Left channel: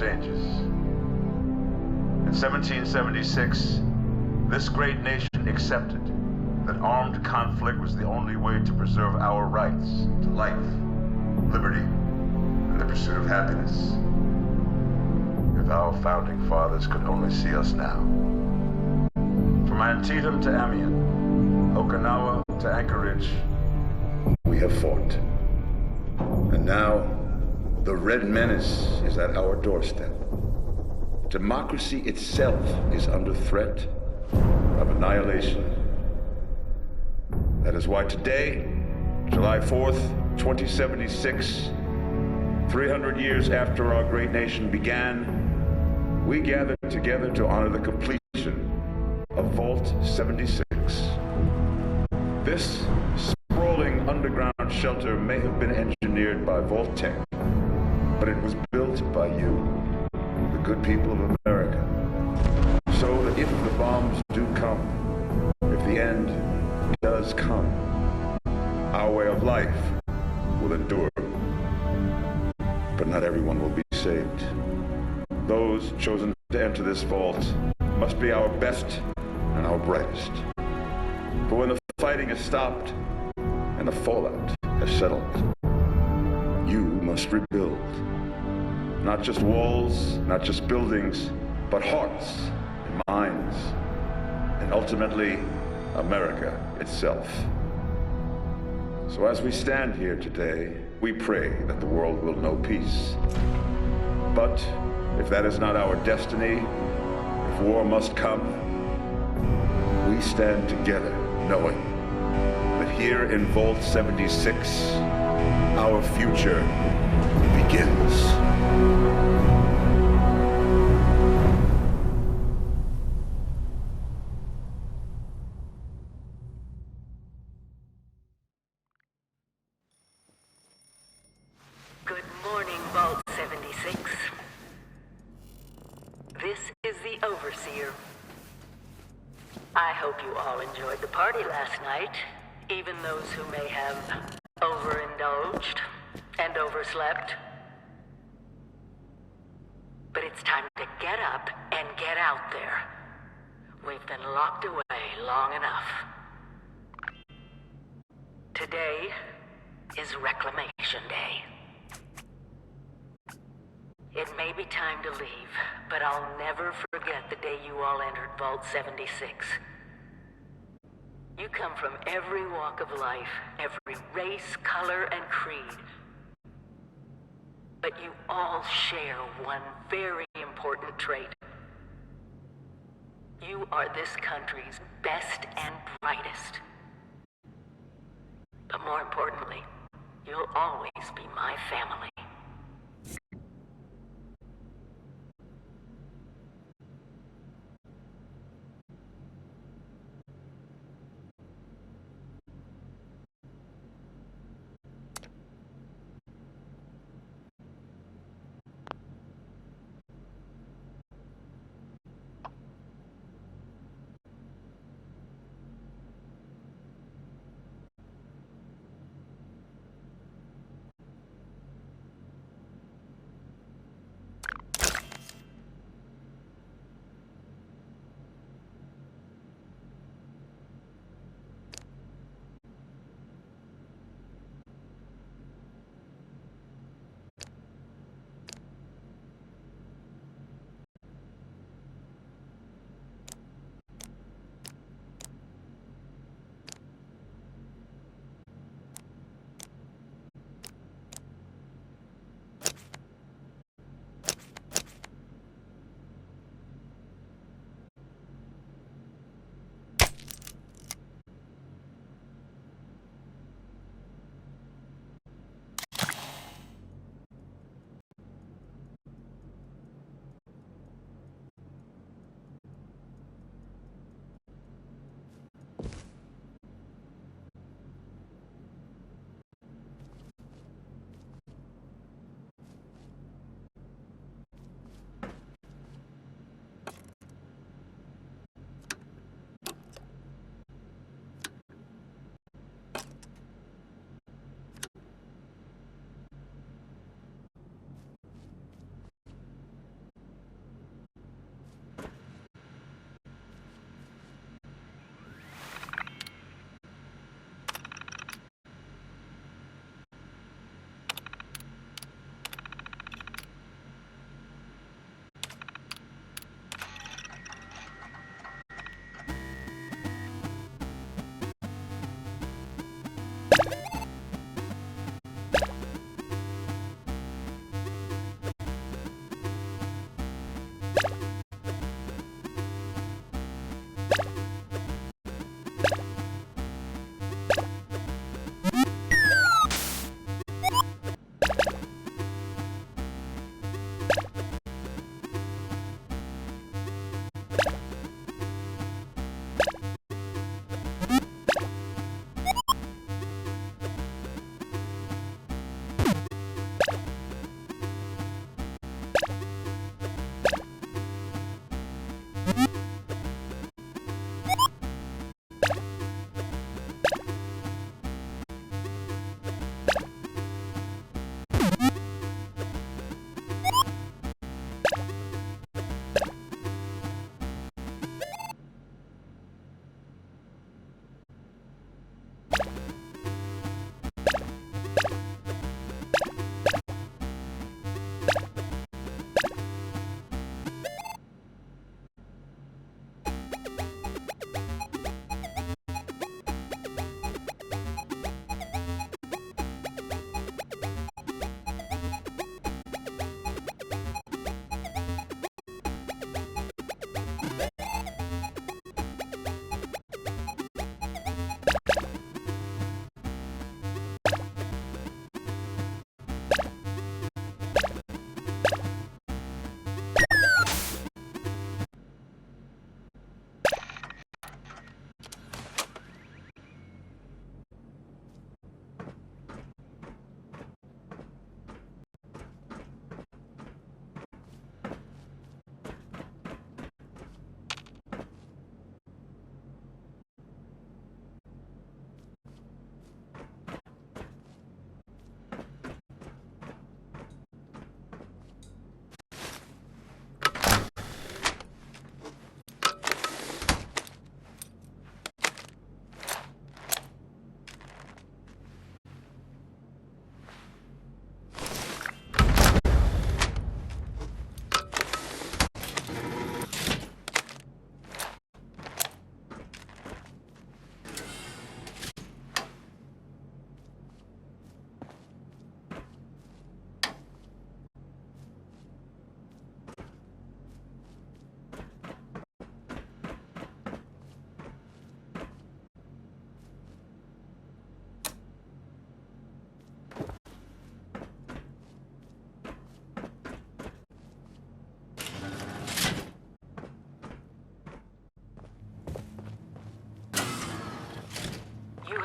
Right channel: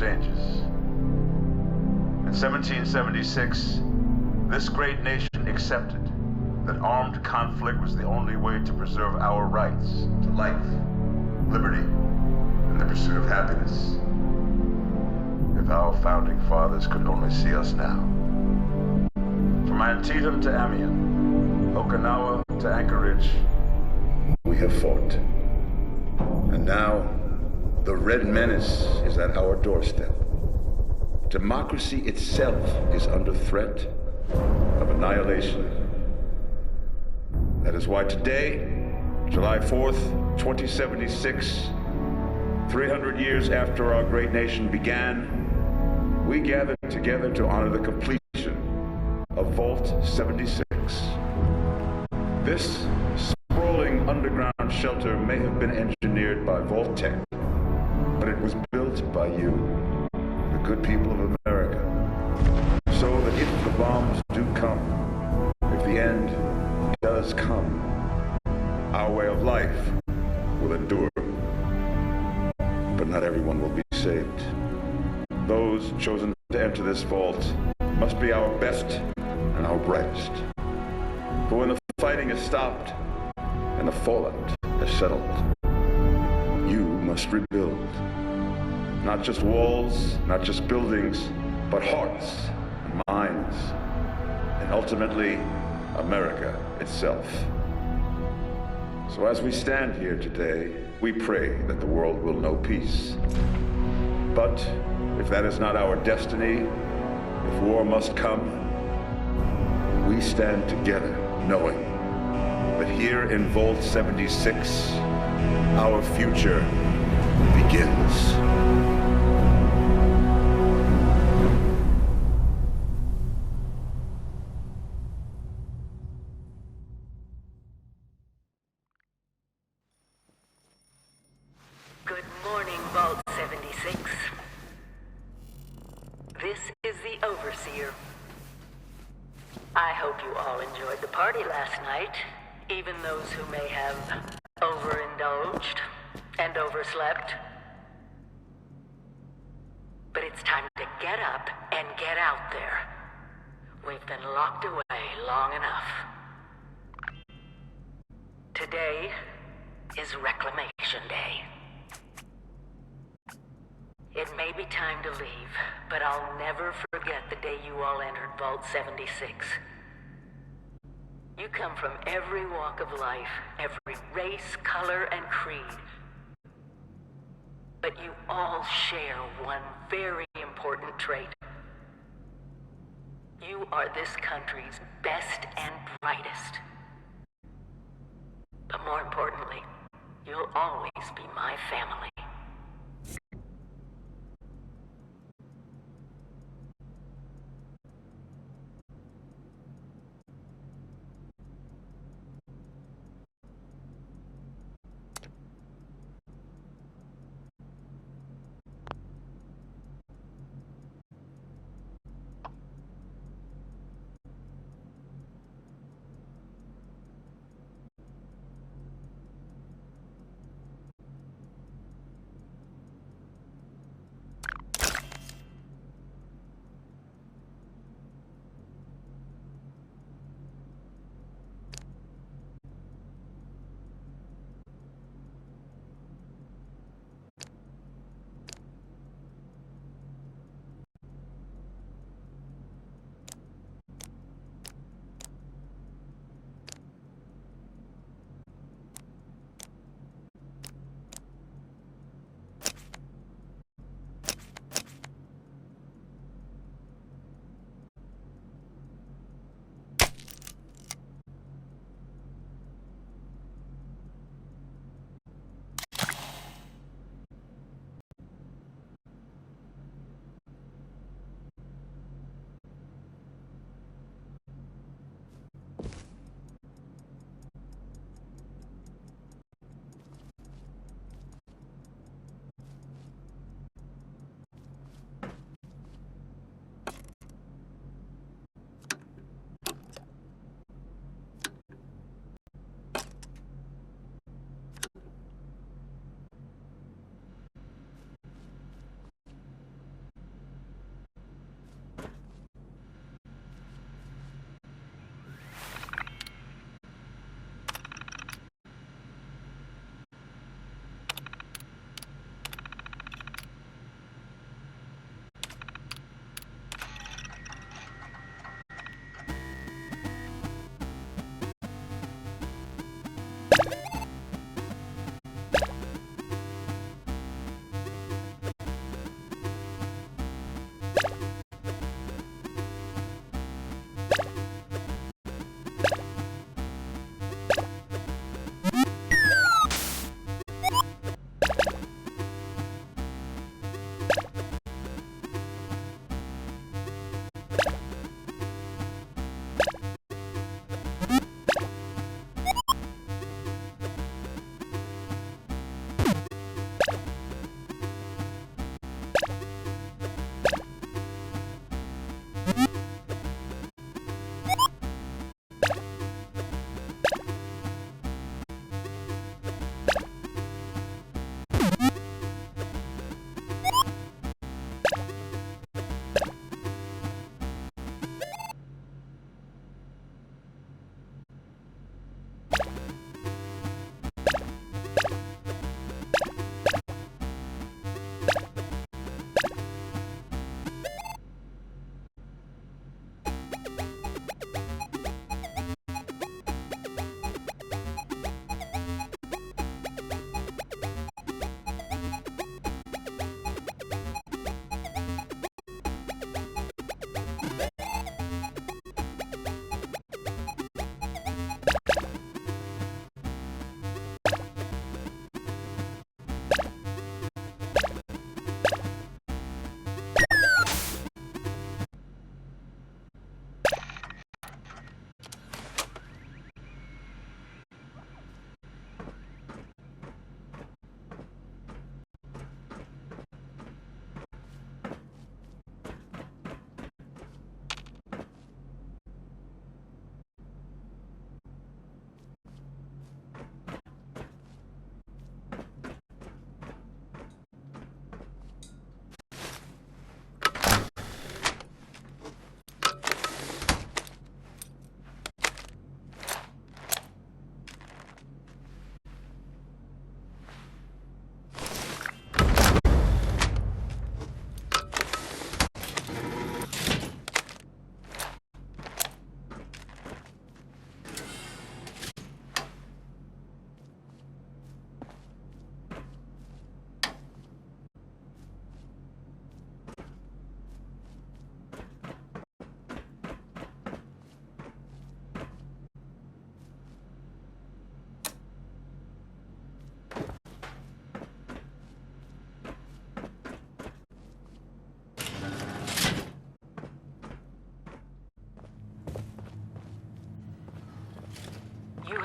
changes. In 1776, this great nation accepted that armed conflict was the only way to preserve our rights to life, liberty, and the pursuit of happiness. If our founding fathers could only see us now. From Antietam to Amiens, Okinawa to Anchorage, we have fought. And now, the Red Menace is at our doorstep. Democracy itself is under threat of annihilation. That is why today, July 4th, 2076, 300 years after our great nation began, we gather together to honor the completion of Vault 76. This sprawling underground shelter may have been engineered by Vault Tech, but it was built by you, the good people of America, so that if the bombs do come, if the end does come, our way of life will endure. But not everyone will be saved. Those chosen to enter this vault must be our best and our brightest. For when the fighting is stopped and the fallout has settled, you must rebuild. Not just walls, not just buildings, but hearts and minds, and ultimately, America itself. So as we stand here today, we pray that the world will know peace. But if that is not our destiny, if war must come, we stand together knowing that here in Vault 76, our future begins. Good morning, Vault 76. This is the Overseer. I hope you all enjoyed the party last night, even those who may have overindulged and overslept. But it's time to get up and get out there. We've been locked away long enough. Today is Reclamation Day. It may be time to leave, but I'll never forget the day you all entered Vault 76. You come from every walk of life, every race, color, and creed. But you all share one very important trait. You are this country's best and brightest. But more importantly, you'll always be my family.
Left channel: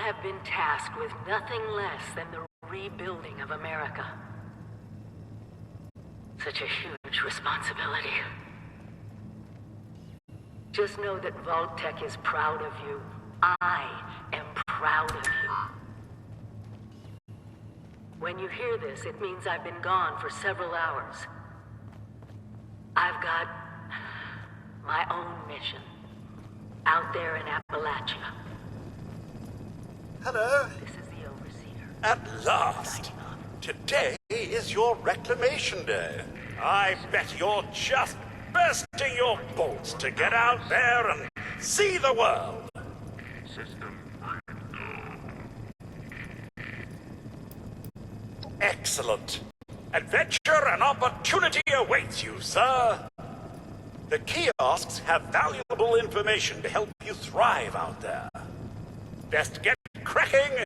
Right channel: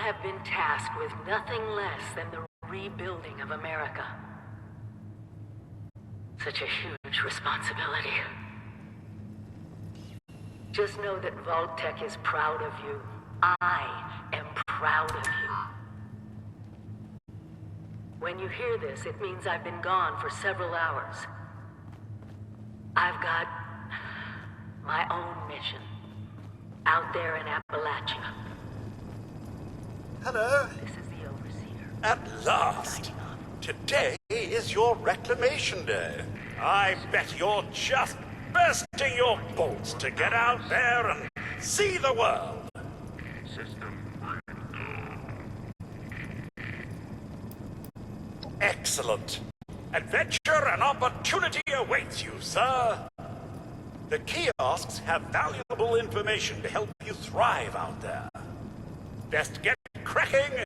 have been tasked with nothing less than the rebuilding of America. Such a huge responsibility. Just know that Vault-Tec is proud of you. I am proud of you. When you hear this, it means I've been gone for several hours. I've got my own mission out there in Appalachia. Hello. This is the Overseer. At last! Today is your reclamation day. I bet you're just bursting your bolts to get out there and see the world. System Excellent. Adventure and opportunity awaits you, sir. The kiosks have valuable information to help you thrive out there. Best get cracking.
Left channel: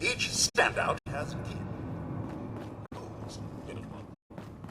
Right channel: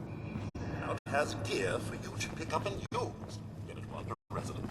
Each standout has gear for you to pick up and use. Get it while you're a resident.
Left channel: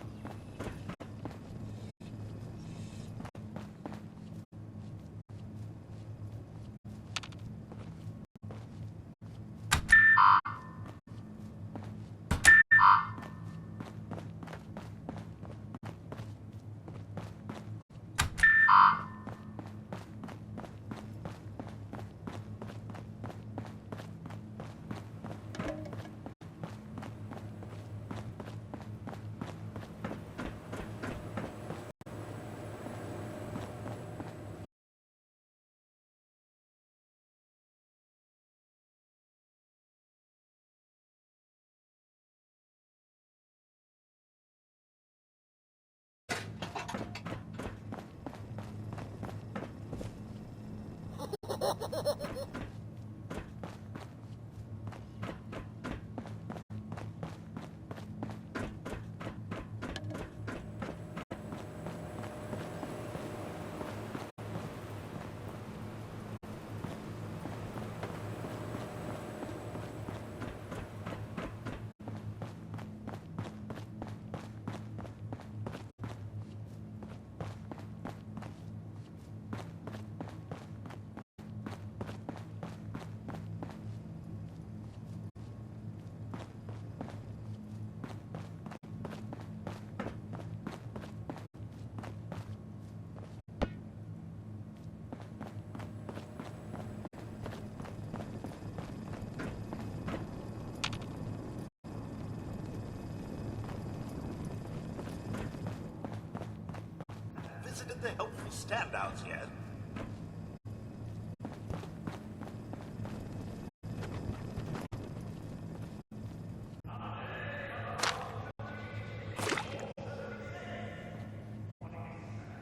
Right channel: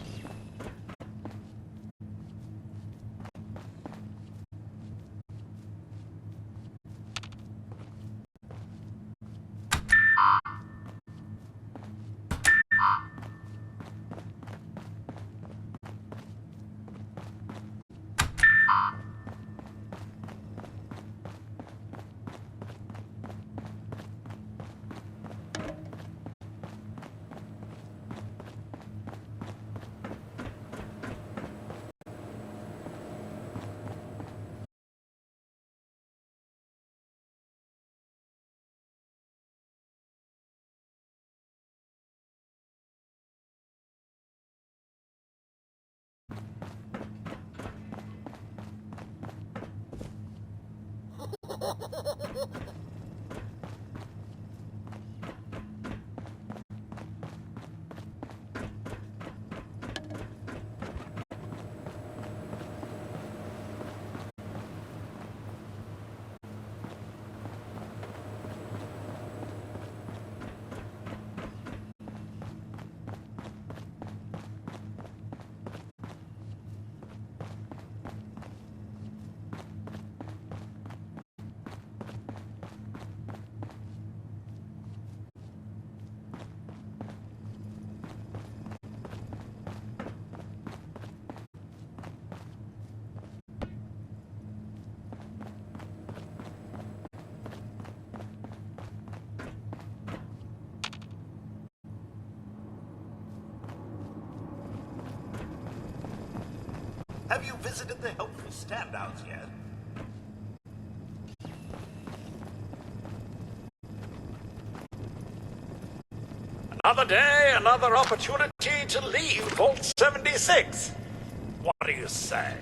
Have you visited the helpful standouts yet? Another day, another opportunity to leave Vault 76. What do you say?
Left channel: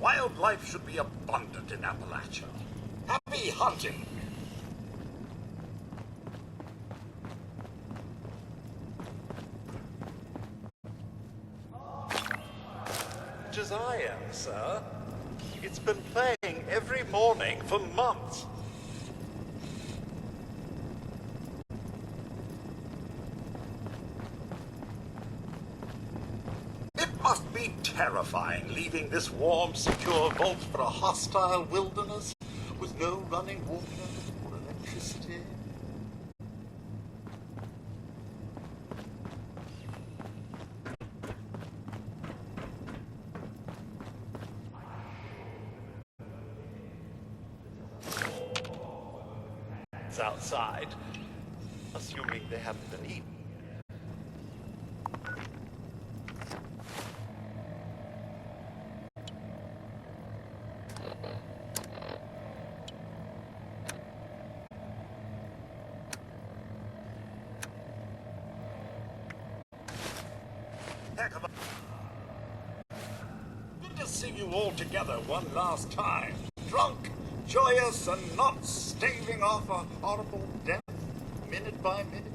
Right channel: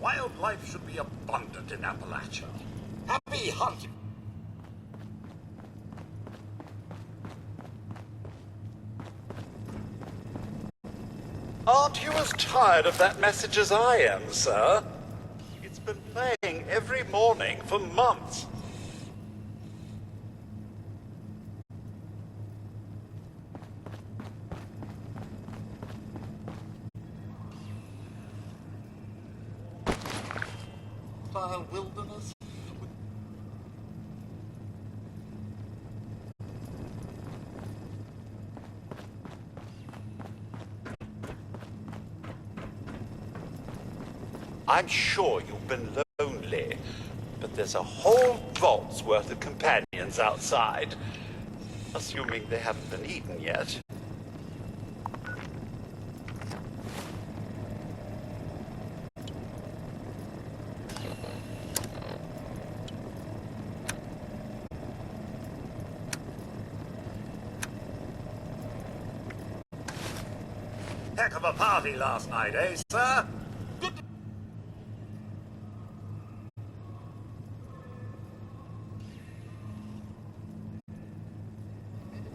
Wildlife should be abundant in Appalachia. Happy hunting! Aren't you as tired of that message as I am, sir? It's been playing every morning for months. Must be terrifying leaving this warm, secure vault for a hostile wilderness with no running water or electricity. I'm sure you've been lonely, but there's a whole vault's worth of companions outside, assuming they haven't been eaten yet. Heck of a party last night, eh, sir? Good to see you all together one last time. Drunk, joyous, and not staving off a horrible death, minute by minute.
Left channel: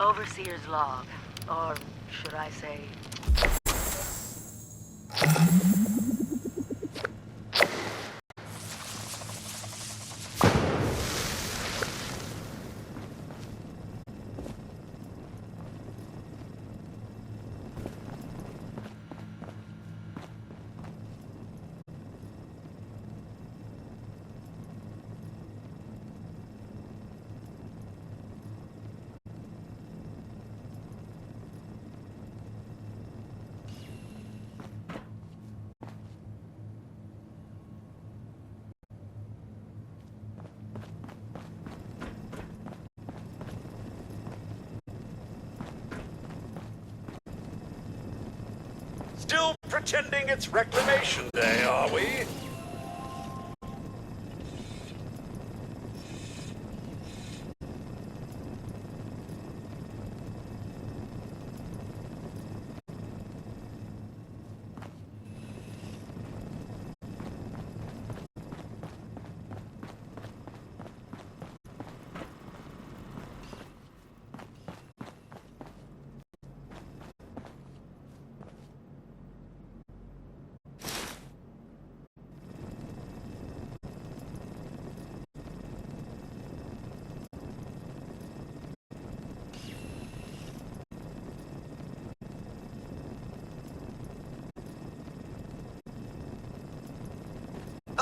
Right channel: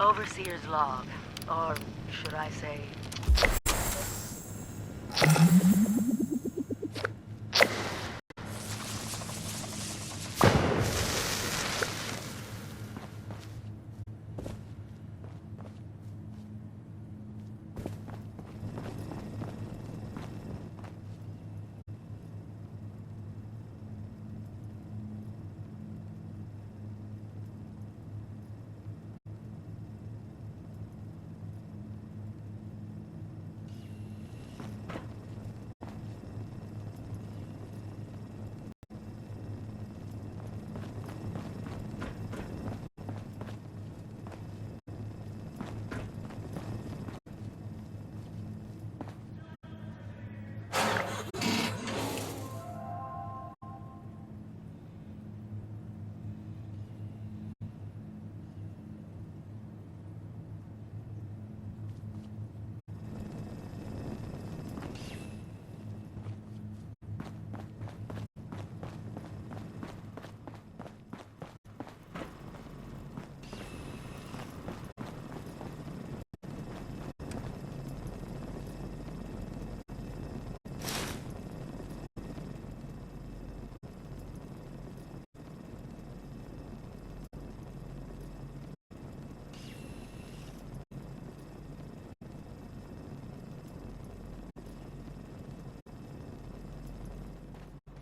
Overseer's log, or should I say... Still pretending it's Reclamation Day, are we?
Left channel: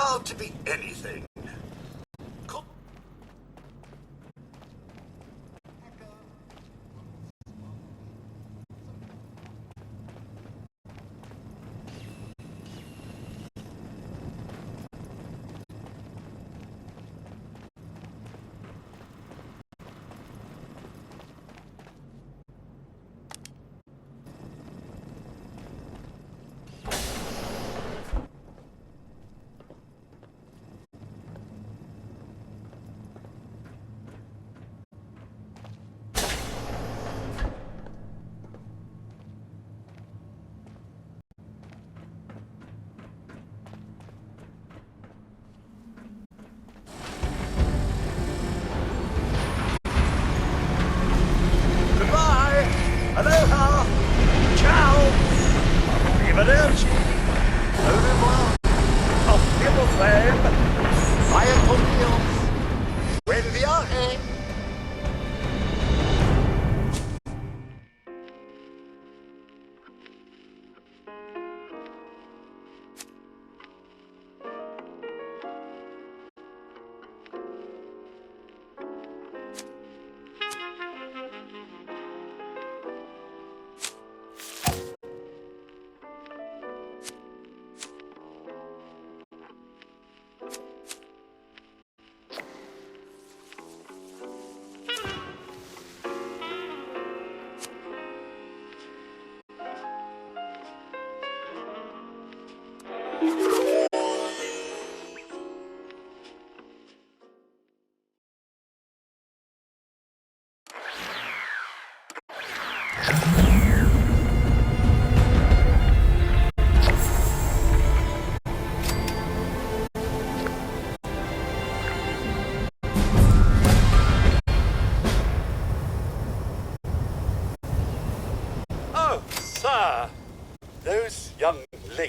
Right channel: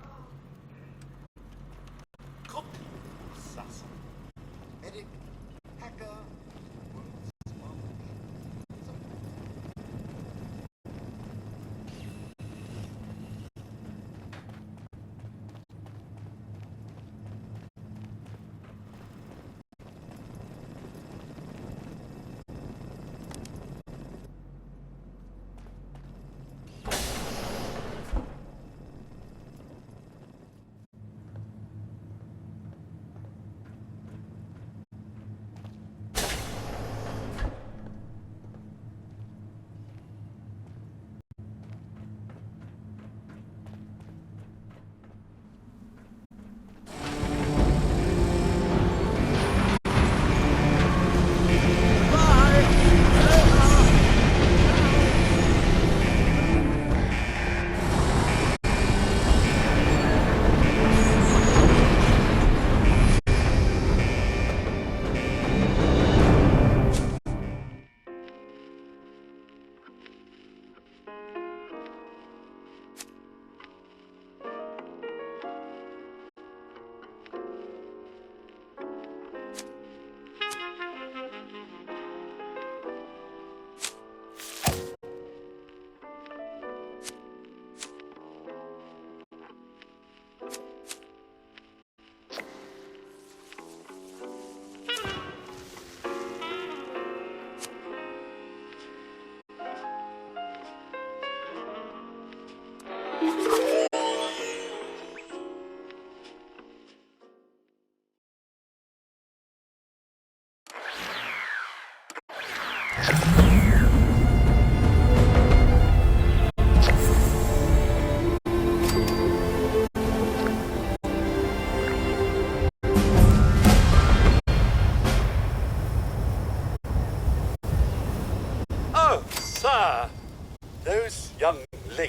Oh, to be anything. Cook, assassin, medic, hacker,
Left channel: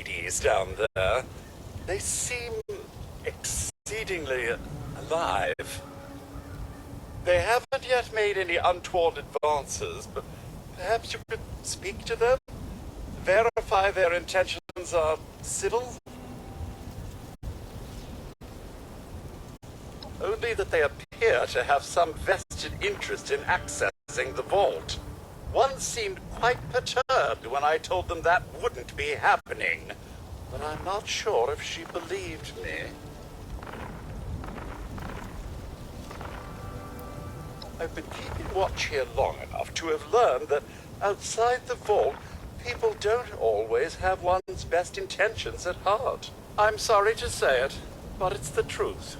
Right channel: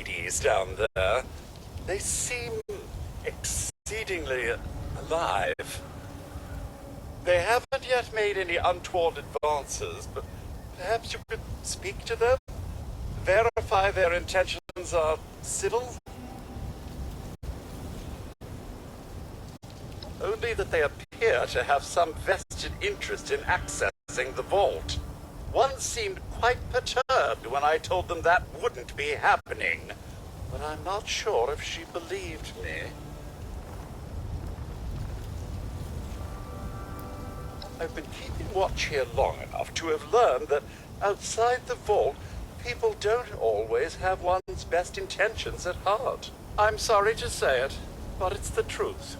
ladies down there. They seem exceedingly alive. They haven't yet made any untoward advances, but perhaps you could speak to them? Verify their intentions are civil? Only that they appear to have some vested interest in accessing the vault. One seemed quite perturbed when I told them that wouldn't be happening, but I'm not sure if she believed me. I've been keeping watch here long enough to have learned that outside the vault, people don't always have one's best intentions at heart. I'm sorry to say it, but it's the truth.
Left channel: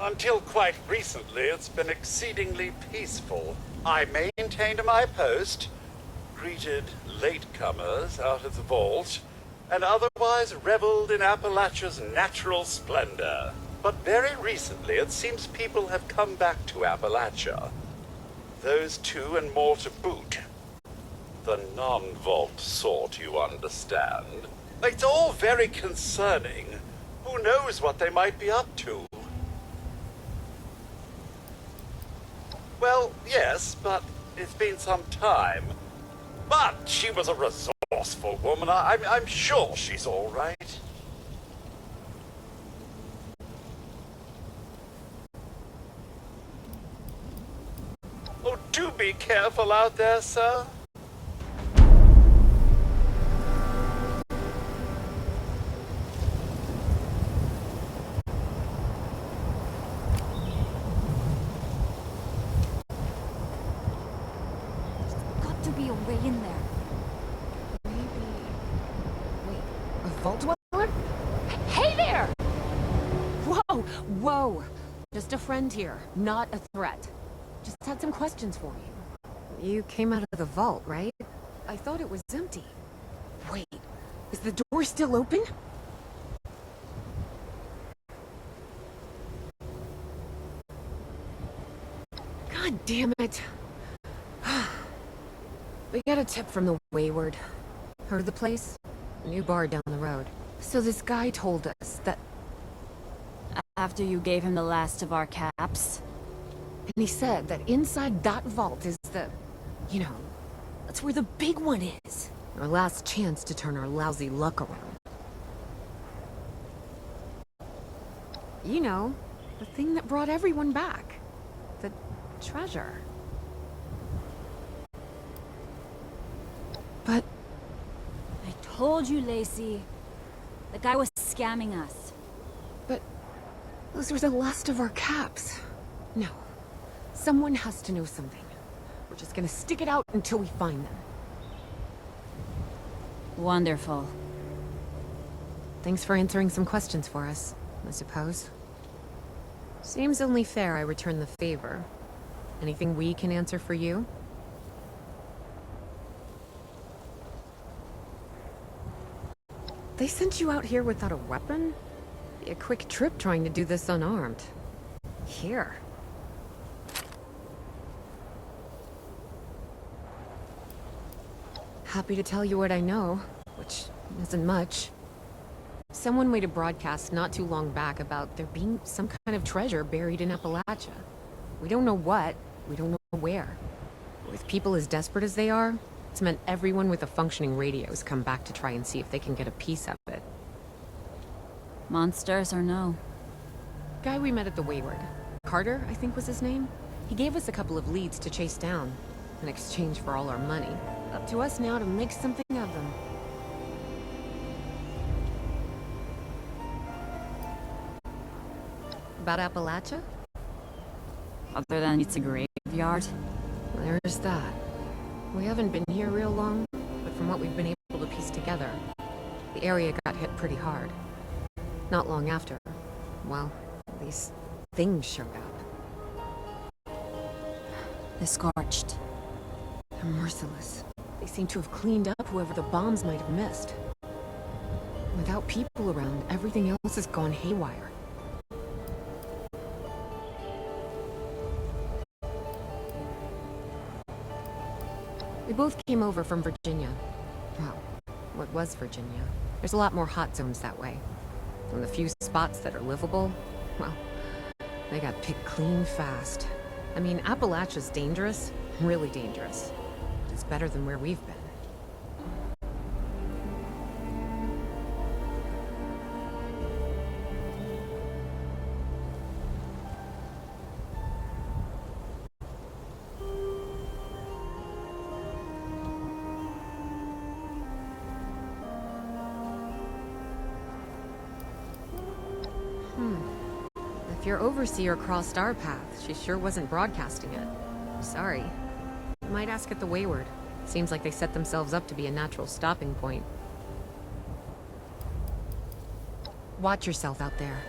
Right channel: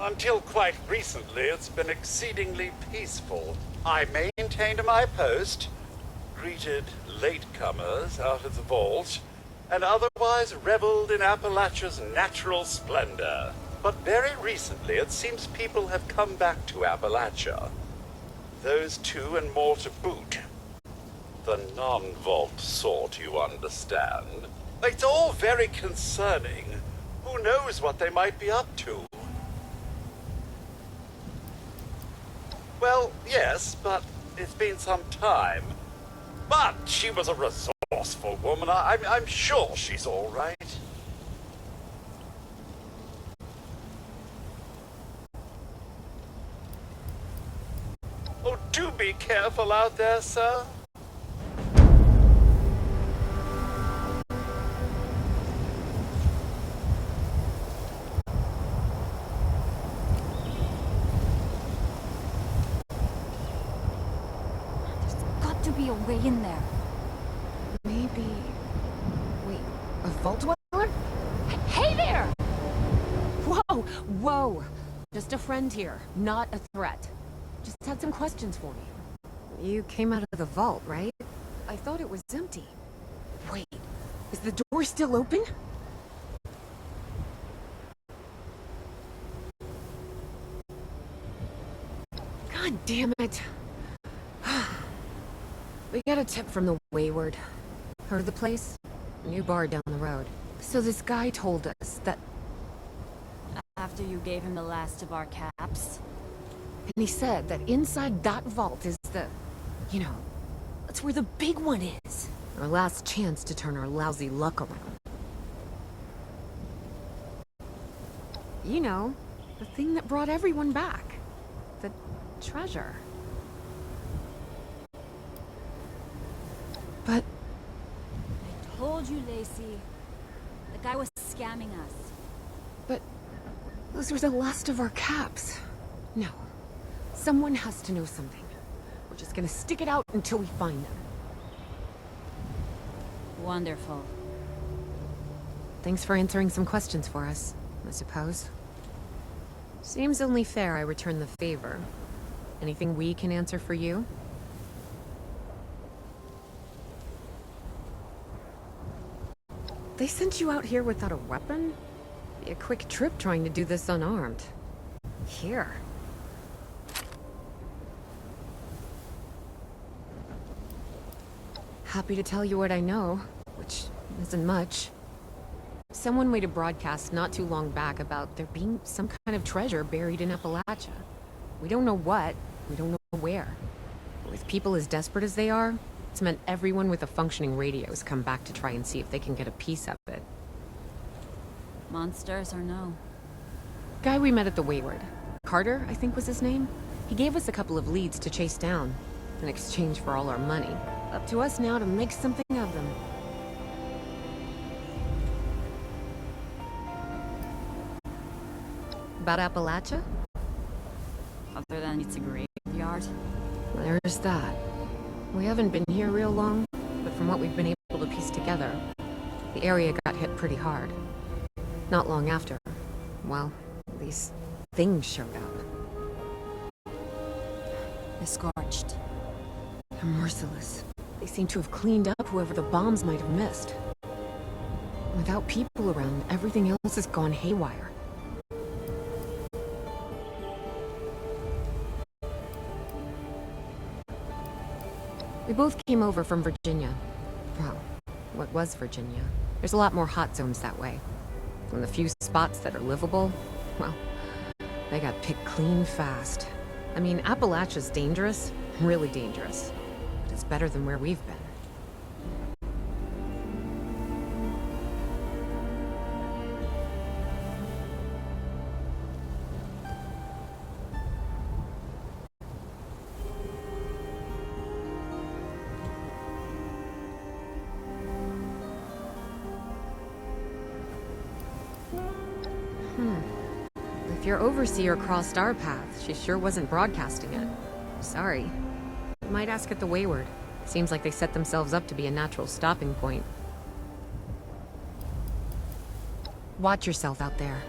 Until quite recently, it's been exceedingly peaceful. I maintained my post, greeted latecomers out of the vault, and otherwise reveled in Appalachia's natural splendor. But very recently, it seems people have come back to Appalachia. Those two and more to boot. The non-vault sort, you understand. It's all very concerning. Who knows what they might be up to? Well, yes, but it's been some time. But she was a resourceful woman. I'm sure she's all right. Oh, do be careful out there, sir. Be a way in there. Maybe... Wait, a vault dweller? Hey there! Whoa, whoa! Just a friend here, not a threat. Just had some questions for you. You came out of the vault, right? I thought it was empty. Wait, is the door still open? God damn it. We got a tip from the Wayward. Heard of the place? A new bar down the road. So this guy told us that... After you gave him the last of our caps? And he said that inside that vault is the... You know, that's where the big one is. Our last chance to turn our lousy luck around. You know, the thing that brought everyone back. The treasure. But... I told you, Lacey. The guy was scamming us. But... those were the last of our caps. No. Someone has to know something. We're just gonna stick it out until we find them. Wonderful. Thanks for answering some questions for us, I suppose. Seems only fair I return the favor. Anything we can answer for you? They sent you out here without a weapon? Be a quick trip trying to do this unarmed. Here. Happy to tell you what I know, which isn't much. Someone made a broadcast not too long back about there being some kind of treasure buried in Appalachia. We don't know what, we don't know where. With people as desperate as they are, it's meant everyone with a functioning radio has come back to try and see if they can get a piece of it. Monsters or no? Guy we met at the Wayward. Carter, I think was his name. He gave us a couple of leads to chase down, in exchange for all our money. Up to us now to make something of them. About Appalachia? Other than it's a graveyard? There's that. We haven't been here real long, but from what we've been able to piece together, the area got hit pretty hard. Not long after, well, these things showed up. The Scorched. They're merciless. They seem to have cleaned up whoever the bombs might have missed. Without people around, everything else has gone haywire. We both came over from Virginia. Well, what was Virginia? There's a lot more hot zones that way. And the few spots that are livable, well, they got picked clean fast. I mean, Appalachia's dangerous, really dangerous. But it's better than where we've been. If your overseer crossed our path, she sure wasn't broadcasting it. Sorry. Might ask at the Wayward. Seems like they set themselves up to be a natural stopping point. Watch yourself out there.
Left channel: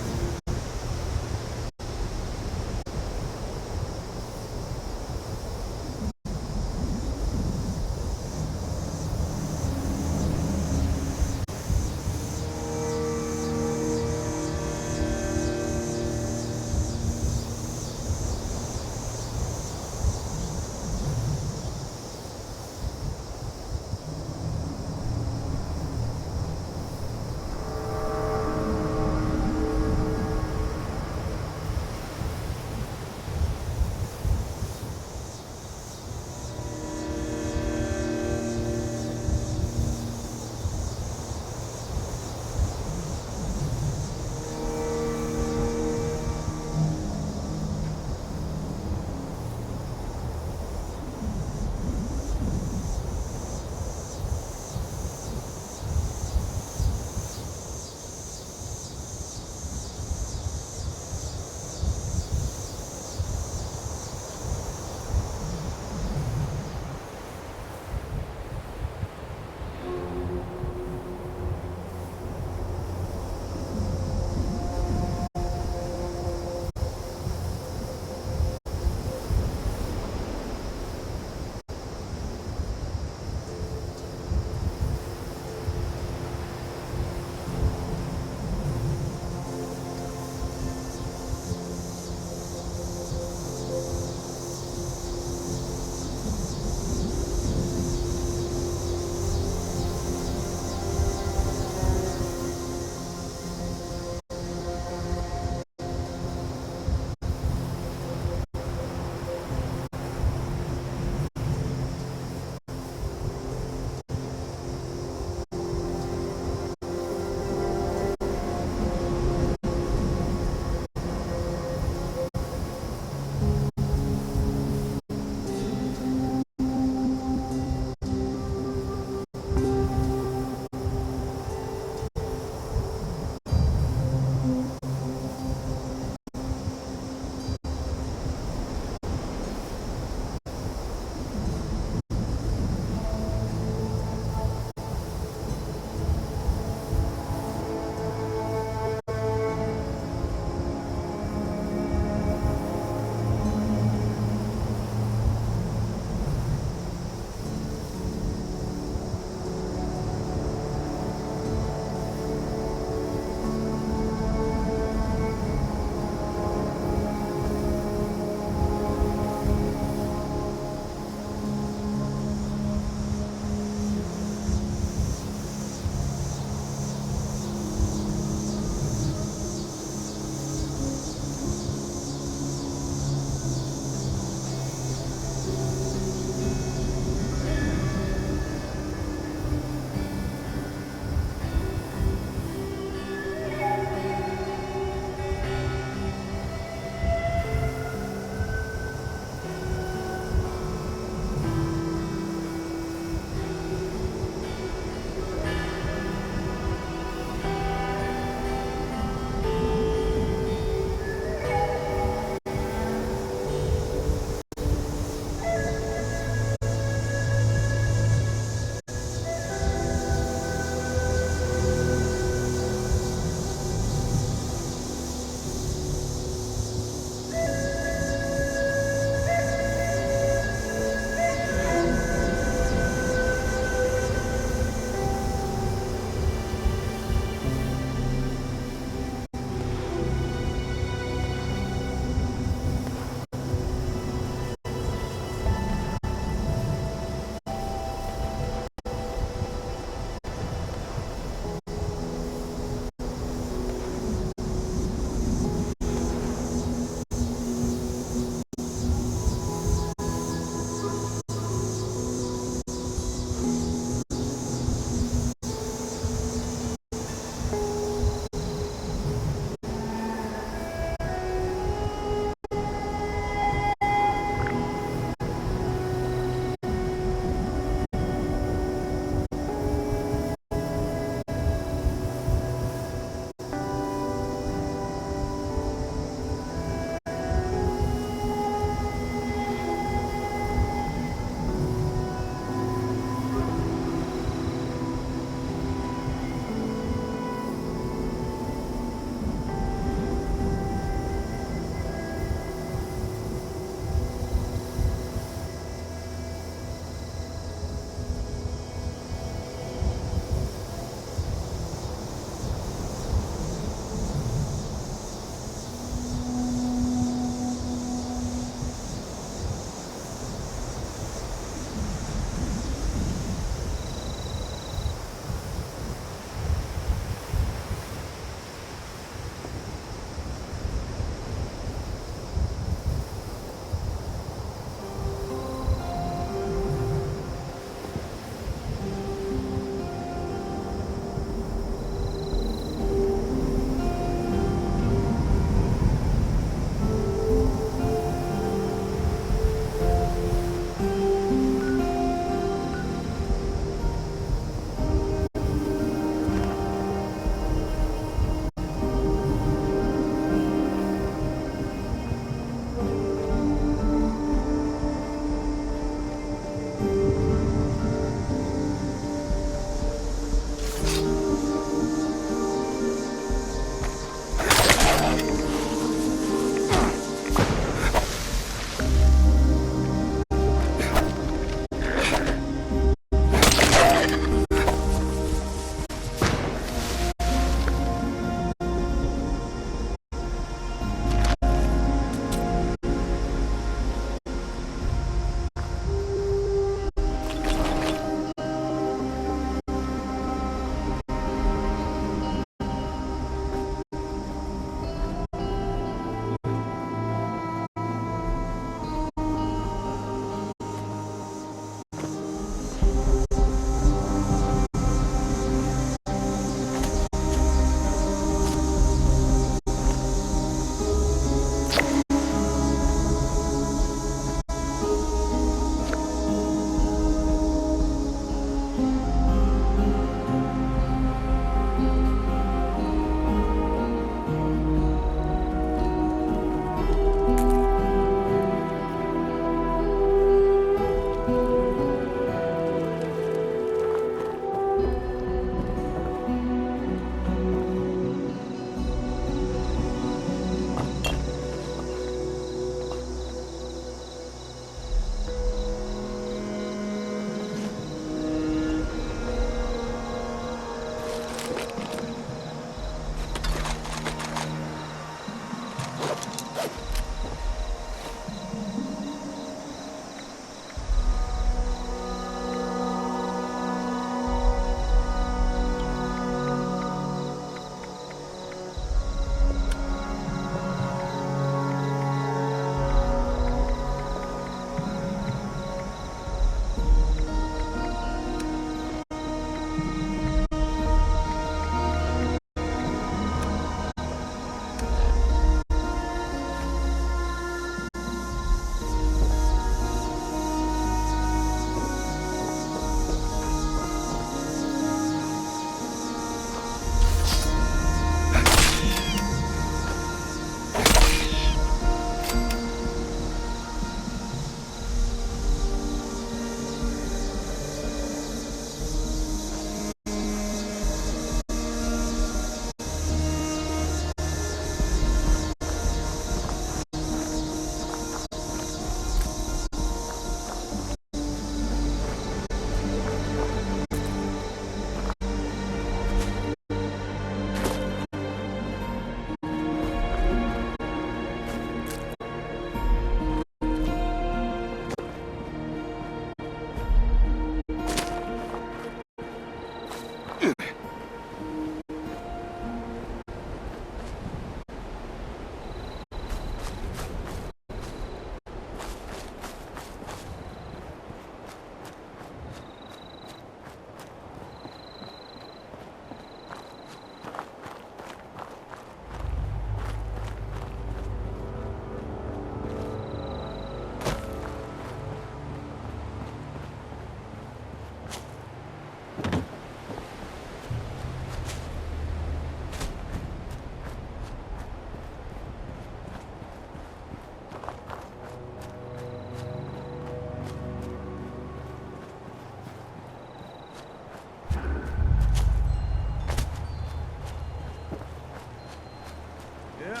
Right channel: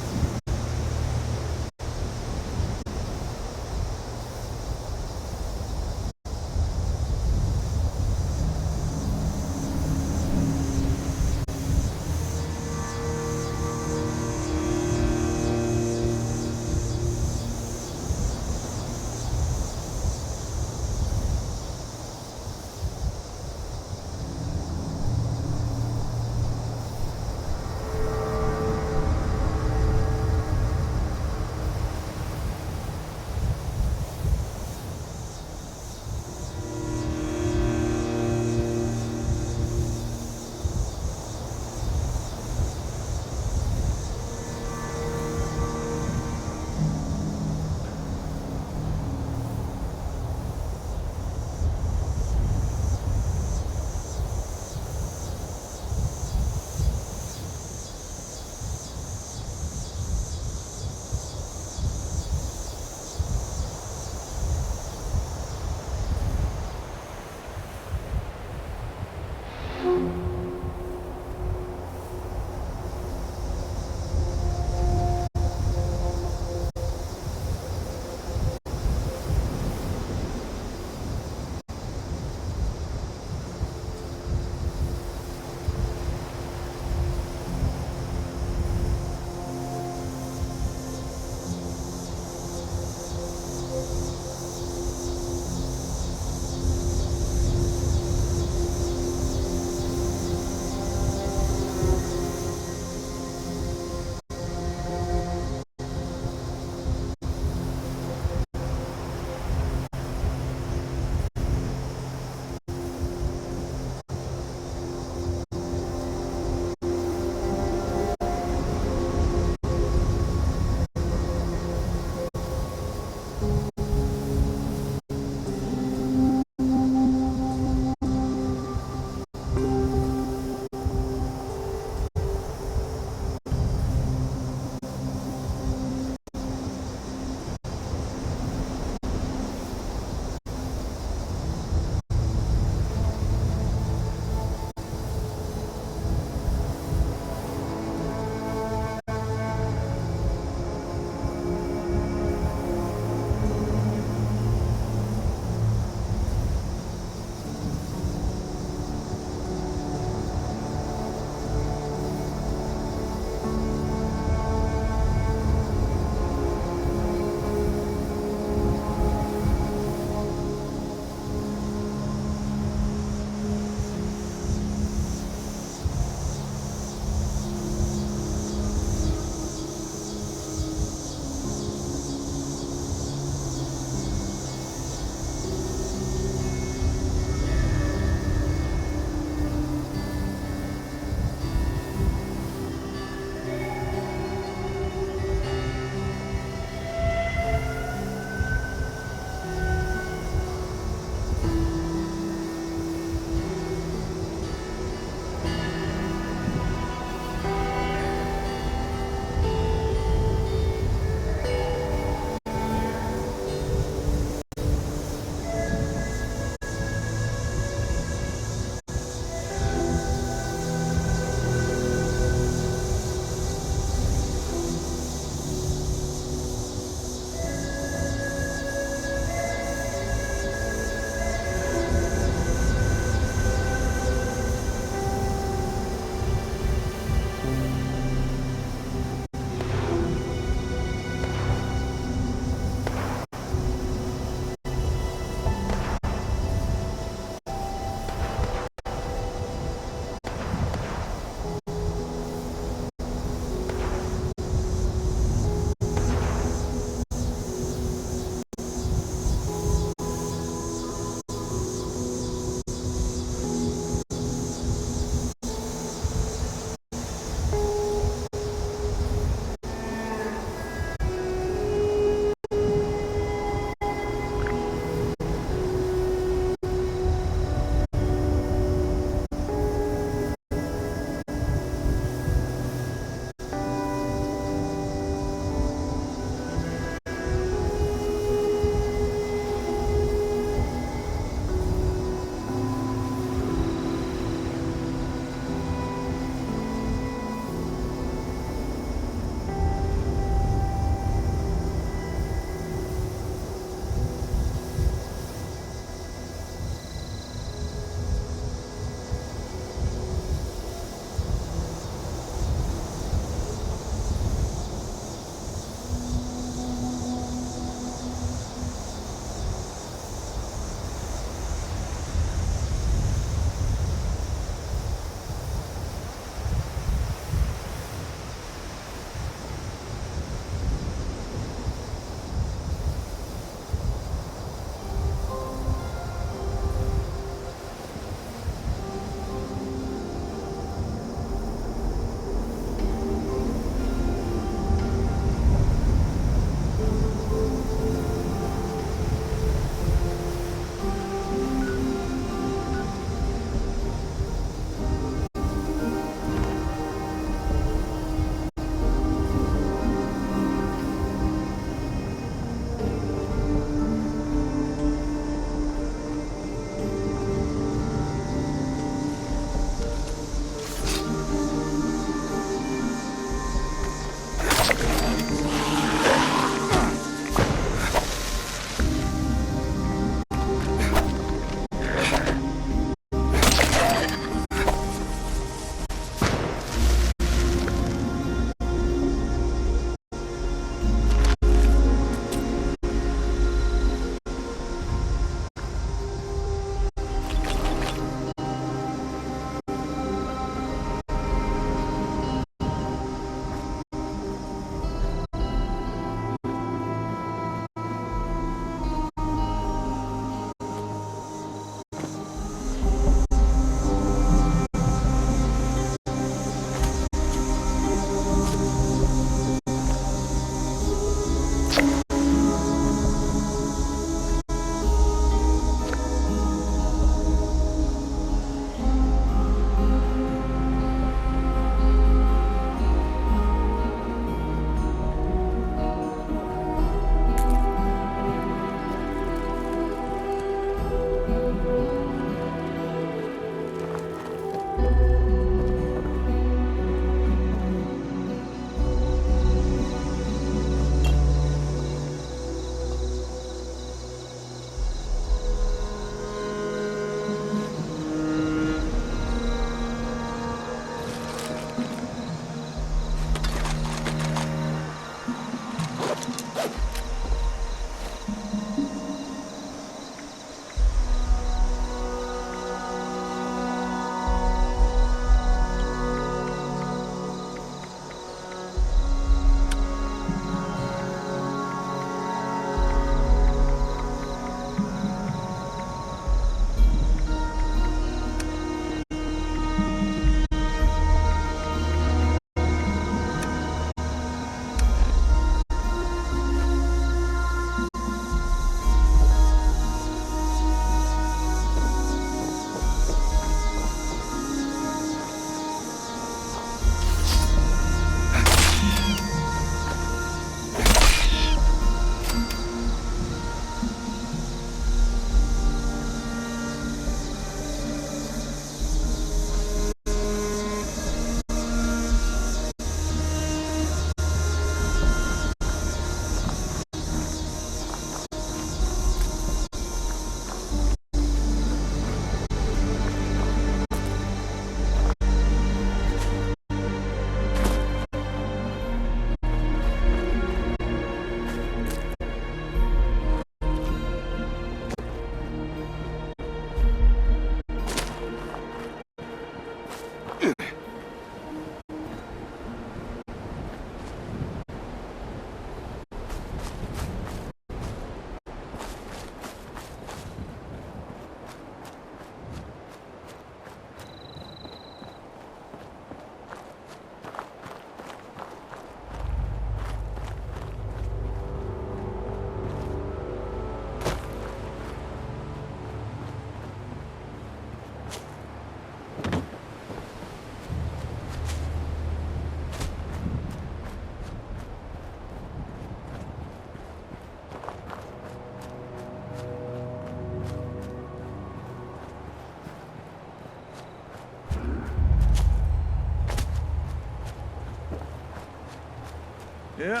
Yeah.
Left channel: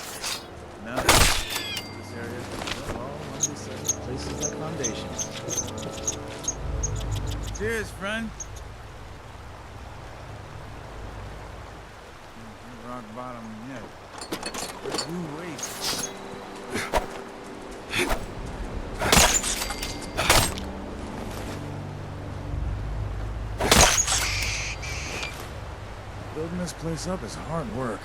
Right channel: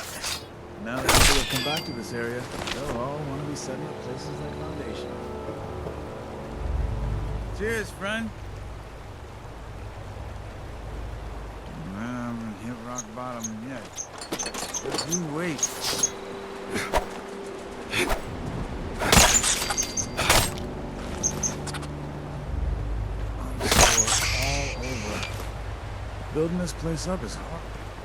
Now that people come back to this area, they'll all want to be setting up places like Foundation. Cheers, friend. Hit rock bottom yet. But you wait. Building this place up is hard work.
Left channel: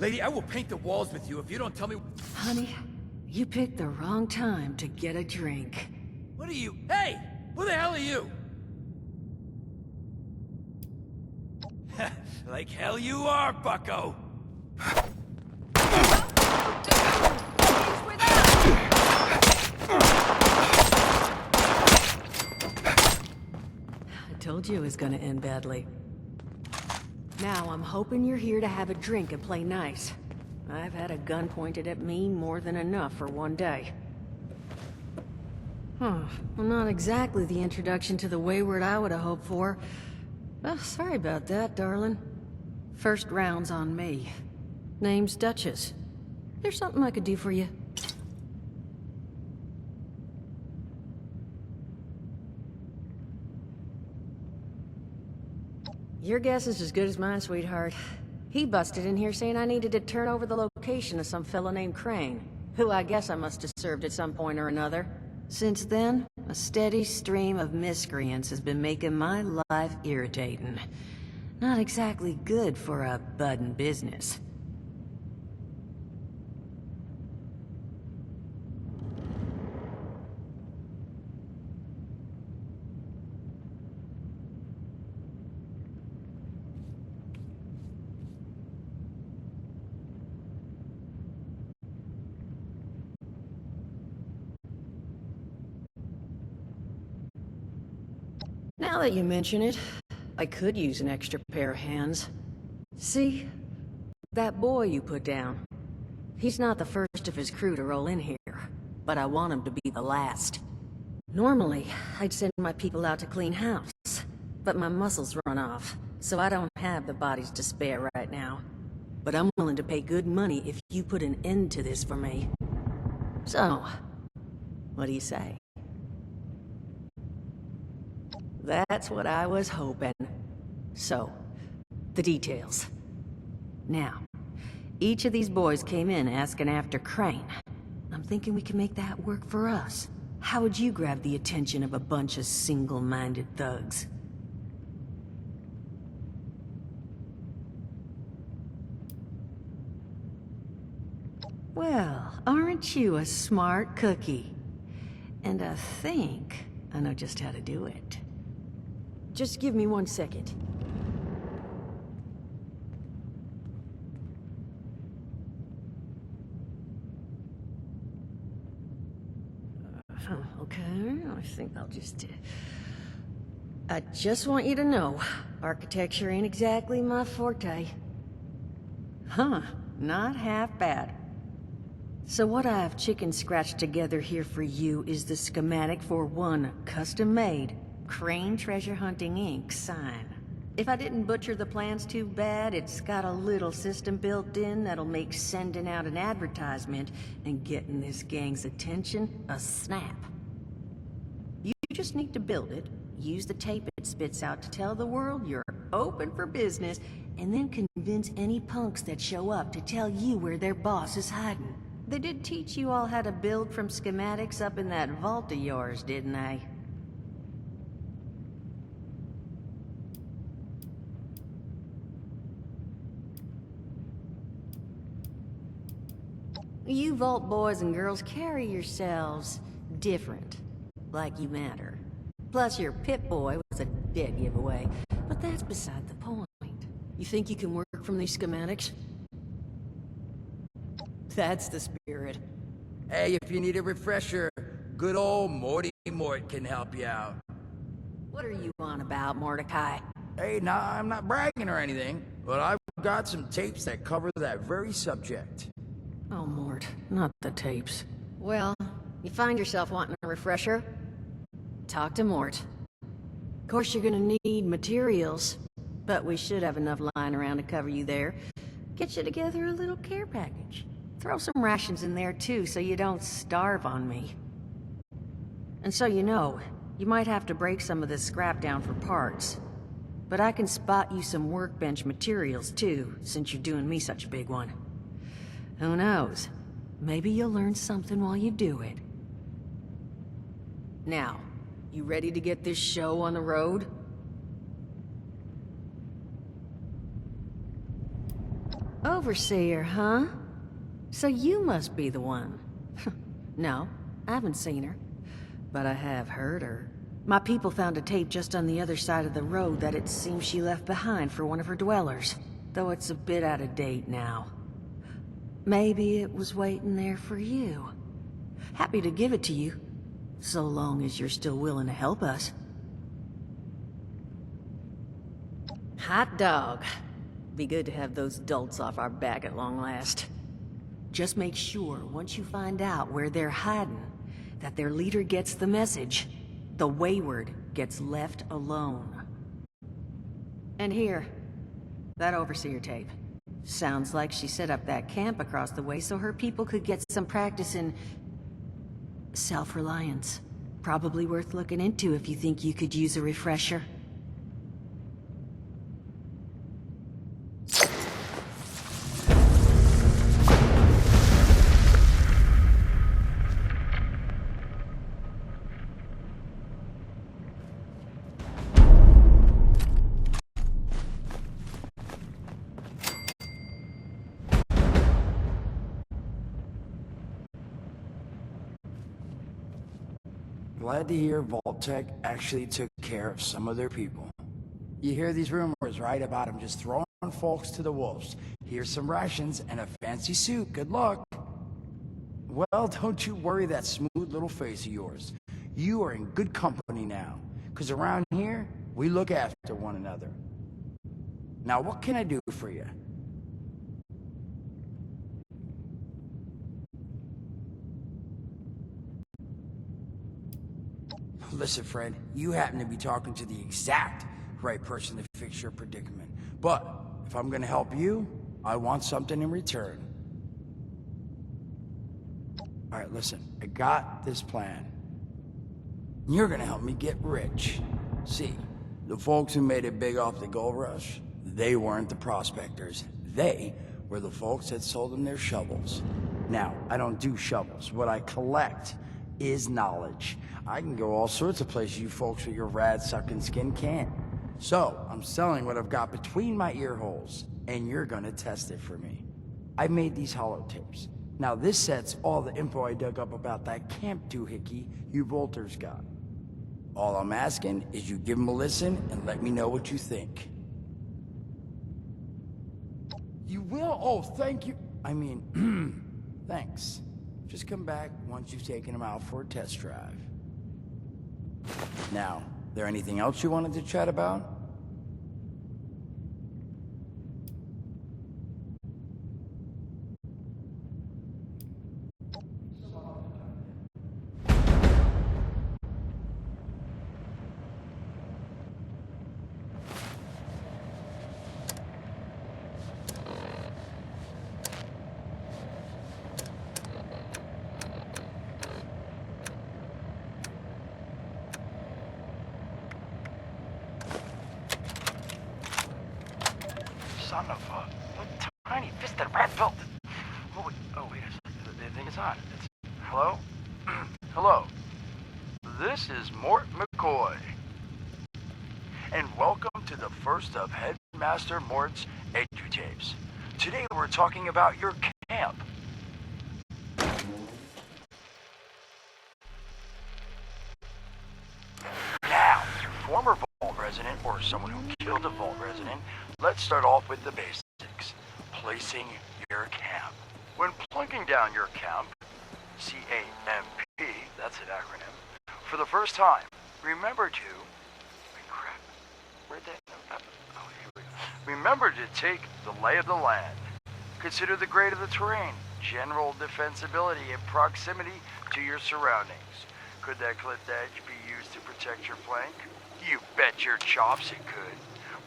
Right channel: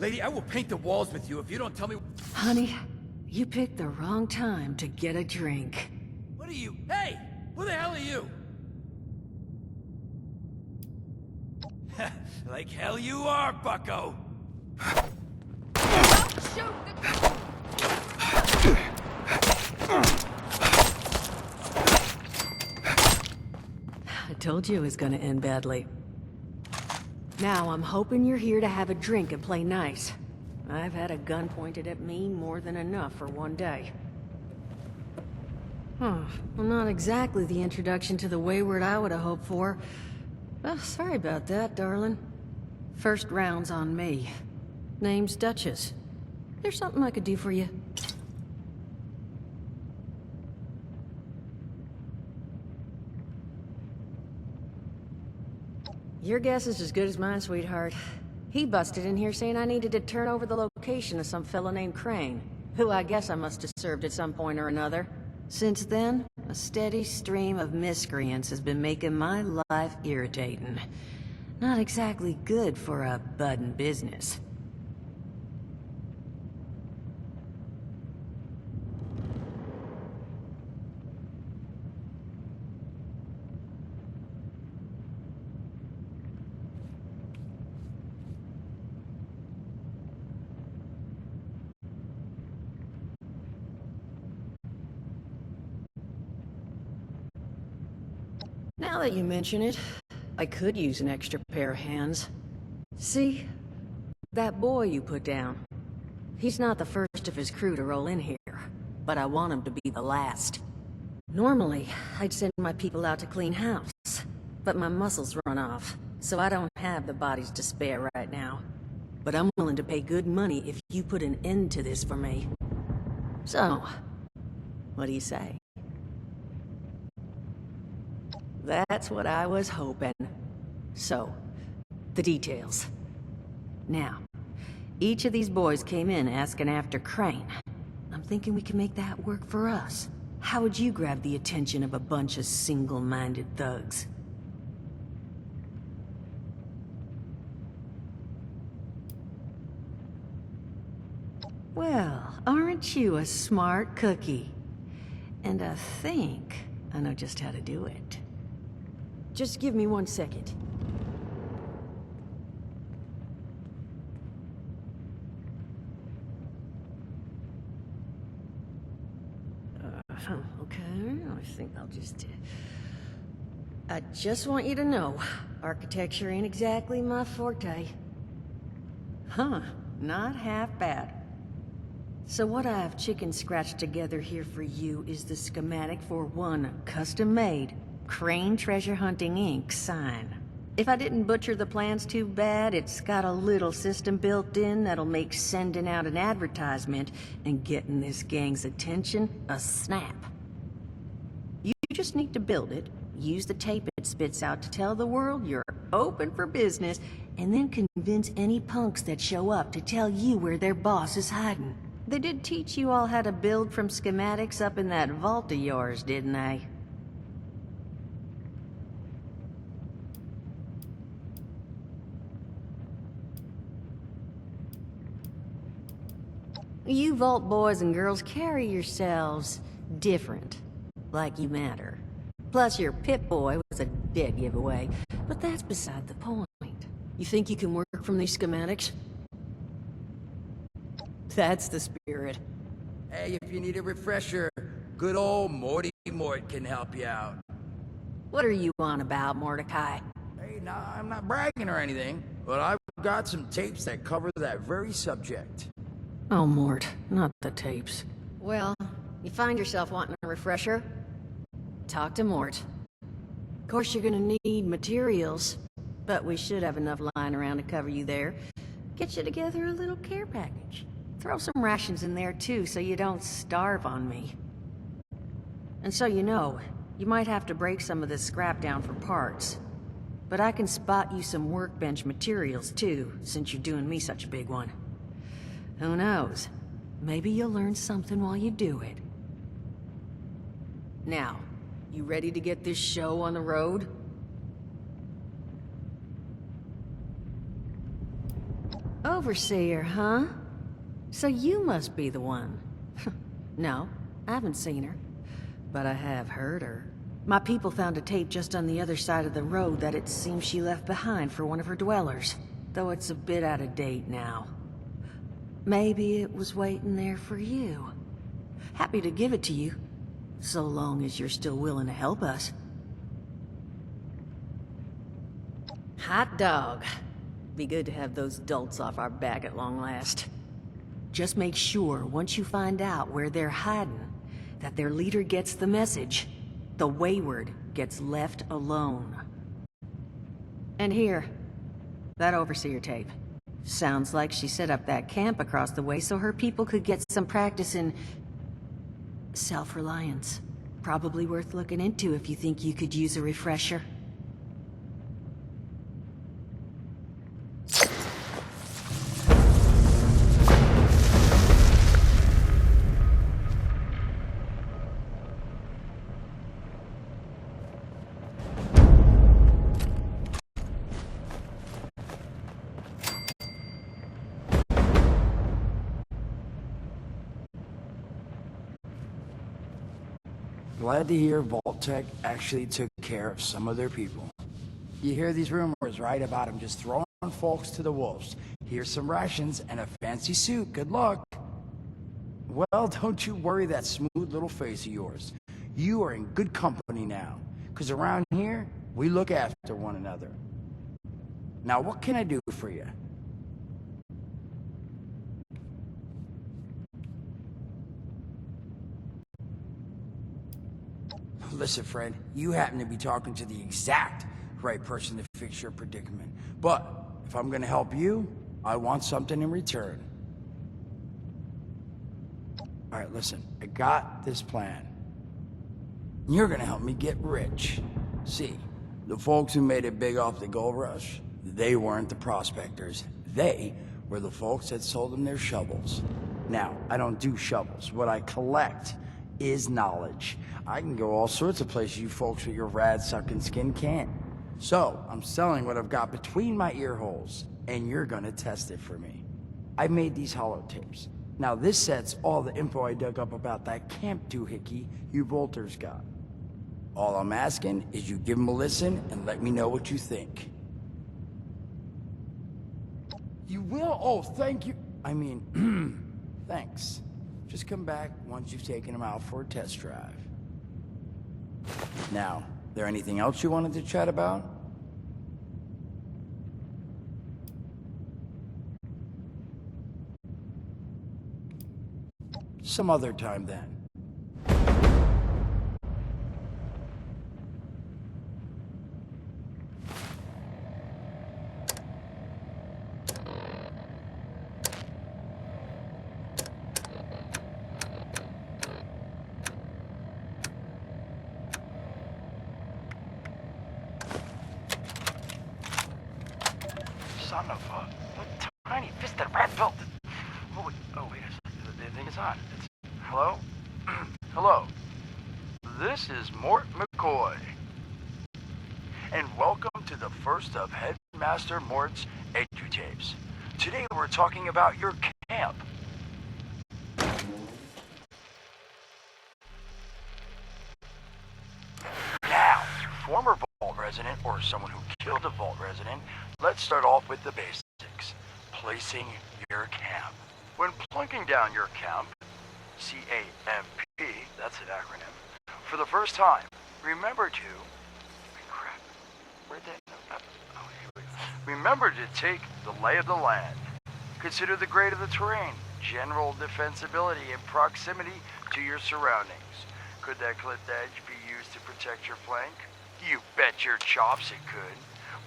Lady, I will paint the walls with you if you don't tell me... Honey, you picked the wrong time to get a drink. What are you... Hey! Who the hell are you? Like hell you are, bucko! I told you it was gonna end badly. Now, I'm hoping you're here to have a drink and play nice. I've had a gun pointed at me more than enough for one day. Well, not exactly the introduction to the wayward I would have hoped for. Well, sorry about that, darling. First round's on me. Name's Duchess. There's something I could do for you. Your guess is as good as mine, sweetheart. He busted in here saying I needed to turn over the location of some fellow named Crane, who I guess I must have served at some point or another. Since then, a steady stream of miscreants has been making my life irritating. Not exactly good for a budding business. Now that you mention it, I could use an extra pair of hands. See? That boy you put down. He's not the first of his crew to roll in here, but I want him to be the last. Normally, I'd send my people out to clean house, but my muscles run off, so I don't have the bodies to spare right now. But I'm willing to pay good money if you put an end to this for me. So, what do you say? That's what I was hoping. So, the details. Now, each of these boys came in asking after Crane. I'm thinking we can make that work for us. How would you grab the attention of a bunch of single-minded thugs? Well, aren't you a smart cookie? And I think I know just how to do it. Just give me 1 second. Okay, I think I'll just... I just want you to know, architecture ain't exactly my forte. Huh, not half bad. So what I've chicken scratched together here for you is the schematic for one custom-made Crane Treasure Hunting Inc. sign. If I didn't butcher the plans too bad, it's got a little system built in that'll make sending out an advertisement and getting this gang's attention a snap. You just need to build it, use the tape it spits out to tell the world you're open for business, and then convince any punks that show up to tell you where their boss is hiding. They did teach you all how to build from schematics up in that vault of yours, didn't they? You vault boys and girls carry yourselves different, like you matter. Plus your Pip-Boy was a dead giveaway, but that's beside the point. You think you can work from these schematics? That's the spirit. Hey, if you need a refresher, good old Morty Mort can help you out. What are you on about, Mordecai? Hey, nah, I'm not bragging or anything, but I've got some tapes that cover that very subject. Oh, Mort, not the tapes. Well, you find yourself wanting a refresher? Talk to Mort. Of course, you're gonna need materials, but we should have enough lying around to cover you there. Get you together a little care package. Throw some rations in there, too, so you don't starve on me. And so you know, you might have to break some of this scrap down for parts. But I can spot you some workbench materials, too, since you're doing me such a big one. Who knows? Maybe you'll learn something while you do it. Now, you ready to get this show on the road? Overseer, huh? So you must be the one. No, I haven't seen her. But I have heard her. My people found a tape just on the other side of the road that it seems she left behind for one of her dwellers. Though it's a bit out of date now. Maybe it was waiting there for you. Happy to give it to you, so long as you're still willing to help us. Hot dog. Be good to have those dolts off our back at long last. Just make sure, once you find out where they're hiding, that their leader gets the message. The wayward gets left alone. And here, that overseer tape. Sounds like she set up that camp across the way so her people could get some practice in self-reliance. Probably worth looking into if you think you could use a refresher. glad to hear Vault-Tec actually took care of some of their people. You hear these rumors, right, about them just throwing folks to the wolves. Here's some rations and a fancy suit. Good luck. Well, don't you worry that smooth little face of yours. You are in good company now, because around here, we look after one another. Now, what can I do for you? Listen, Fred, you happen to be talking to the exact right person to fix your predicament. But if I'm gonna help you, I want something in return. All right, listen, I got this plan. You're gonna help me get rich. See, the folks who made it big off the gold rush, they weren't the prospectors. They were the folks that sold them their shovels. Now, I don't do shovels. What I collect is knowledge. I can go all sorts of places you folks with your rad-sucking skin can't. So, I'm selling what I've got between my ear holes, and you're gonna test it for me. I made these holotapes. Now, this set's all the info I dug up about that camp doohickey you Volters got. All I'm asking is you give them a listen and let me know what you think. You will? Oh, thank you. I mean, thanks. Just come back once you've taken them out for a test drive. Now, there anything else you wanted to chat about? Some other time then. Son of a tiny fisted rat built. Oh wait a second. The thing is on. Hello? Hello. This is Mort McCoy. And welcome to the first of Headmaster Mort's edutapes. Today we're talking about your camp. Now, former Vault resident or someone who killed a Vault resident, let's start off with the basics. Placing your camp. When plunking down your camp, C-A-M-P, that's an acronym, for the first time, remember to... crap, where'd that note? Oh, here we go. Remember to take the lay of the land. Consider the grade of the terrain, general defensibility, and proximity to your surroundings. Could that cliff edge be used to protect your flank? You bet your chops it could.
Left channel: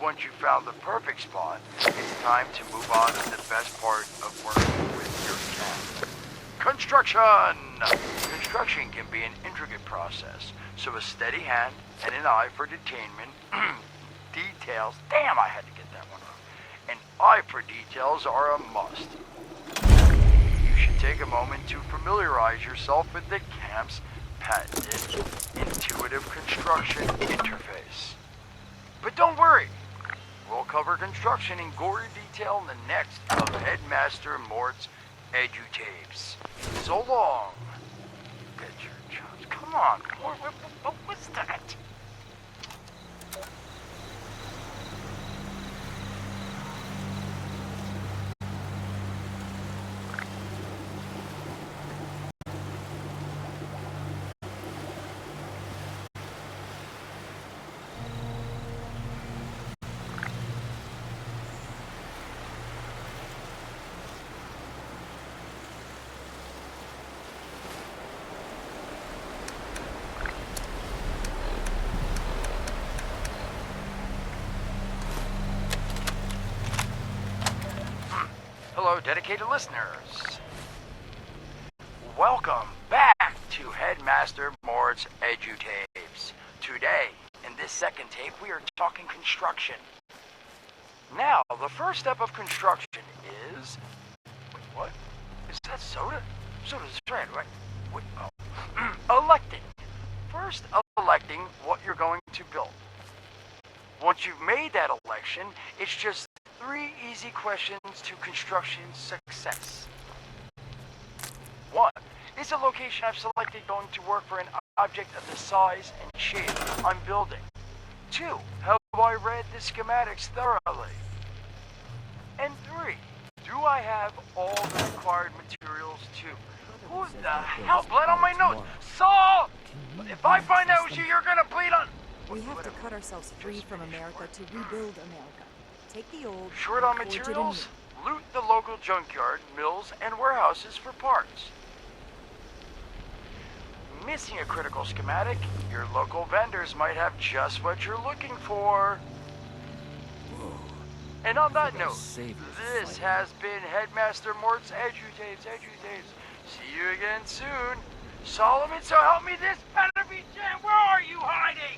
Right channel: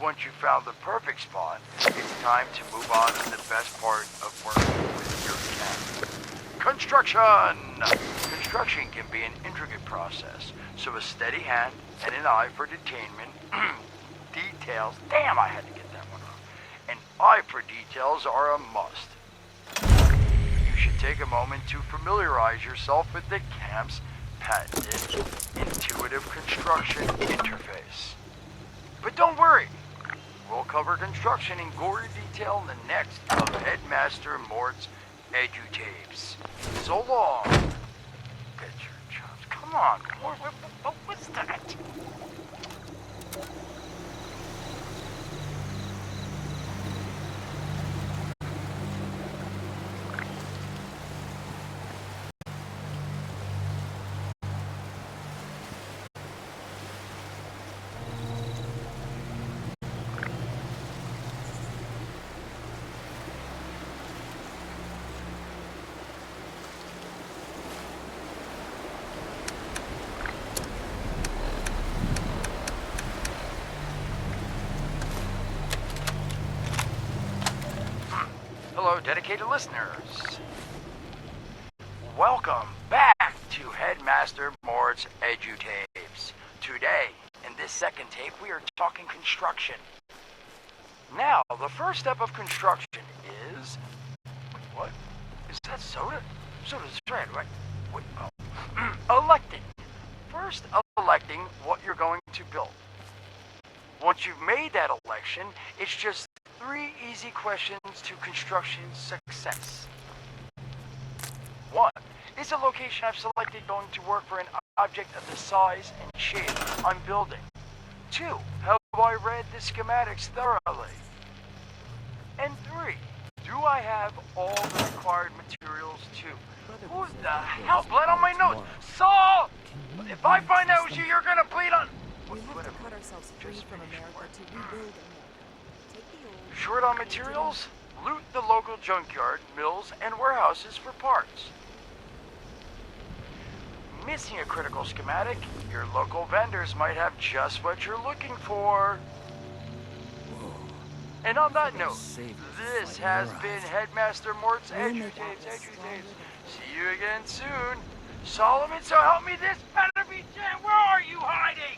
Once you've found the perfect spot, it's time to move on to the best part of working with your camp. Construction! Construction can be an intricate process, so a steady hand and an eye for detainment, details, damn I had to get that one off, an eye for details are a must. You should take a moment to familiarize yourself with the camp's patented intuitive construction interface. But don't worry, we'll cover construction in gory detail in the next of Headmaster Mort's edutapes. So long. Get your chops. Come on. What was that? Hello, dedicated listeners. Welcome back to Headmaster Mort's edutapes. Today, in this second tape, we are talking construction. Now, the first step of construction is... Wait, what? Is that soda? Soda's red, right? Wait, oh. Electing. First, electing what you're going to build. Once you've made that election, it's just 3 easy questions to construction success. 1. is a location I've selected going to work for an object of the size and shape I'm building. 2, have I read the schematics thoroughly? And 3, do I have all the required materials too? Who the hell bled on my notes? Saul! If I find out it's you, you're gonna bleed on... We have to cut ourselves free from America to rebuild America. Take the old... Short on materials? Loot the local junkyard, mills, and warehouses for parts. Missing a critical schematic, your local vendors might have just what you're looking for. Whoa. And on that note, Save this has been Headmaster Mort's Edutapes. See you again soon. Solomon, so help me, this better be Jen. Where are you hiding?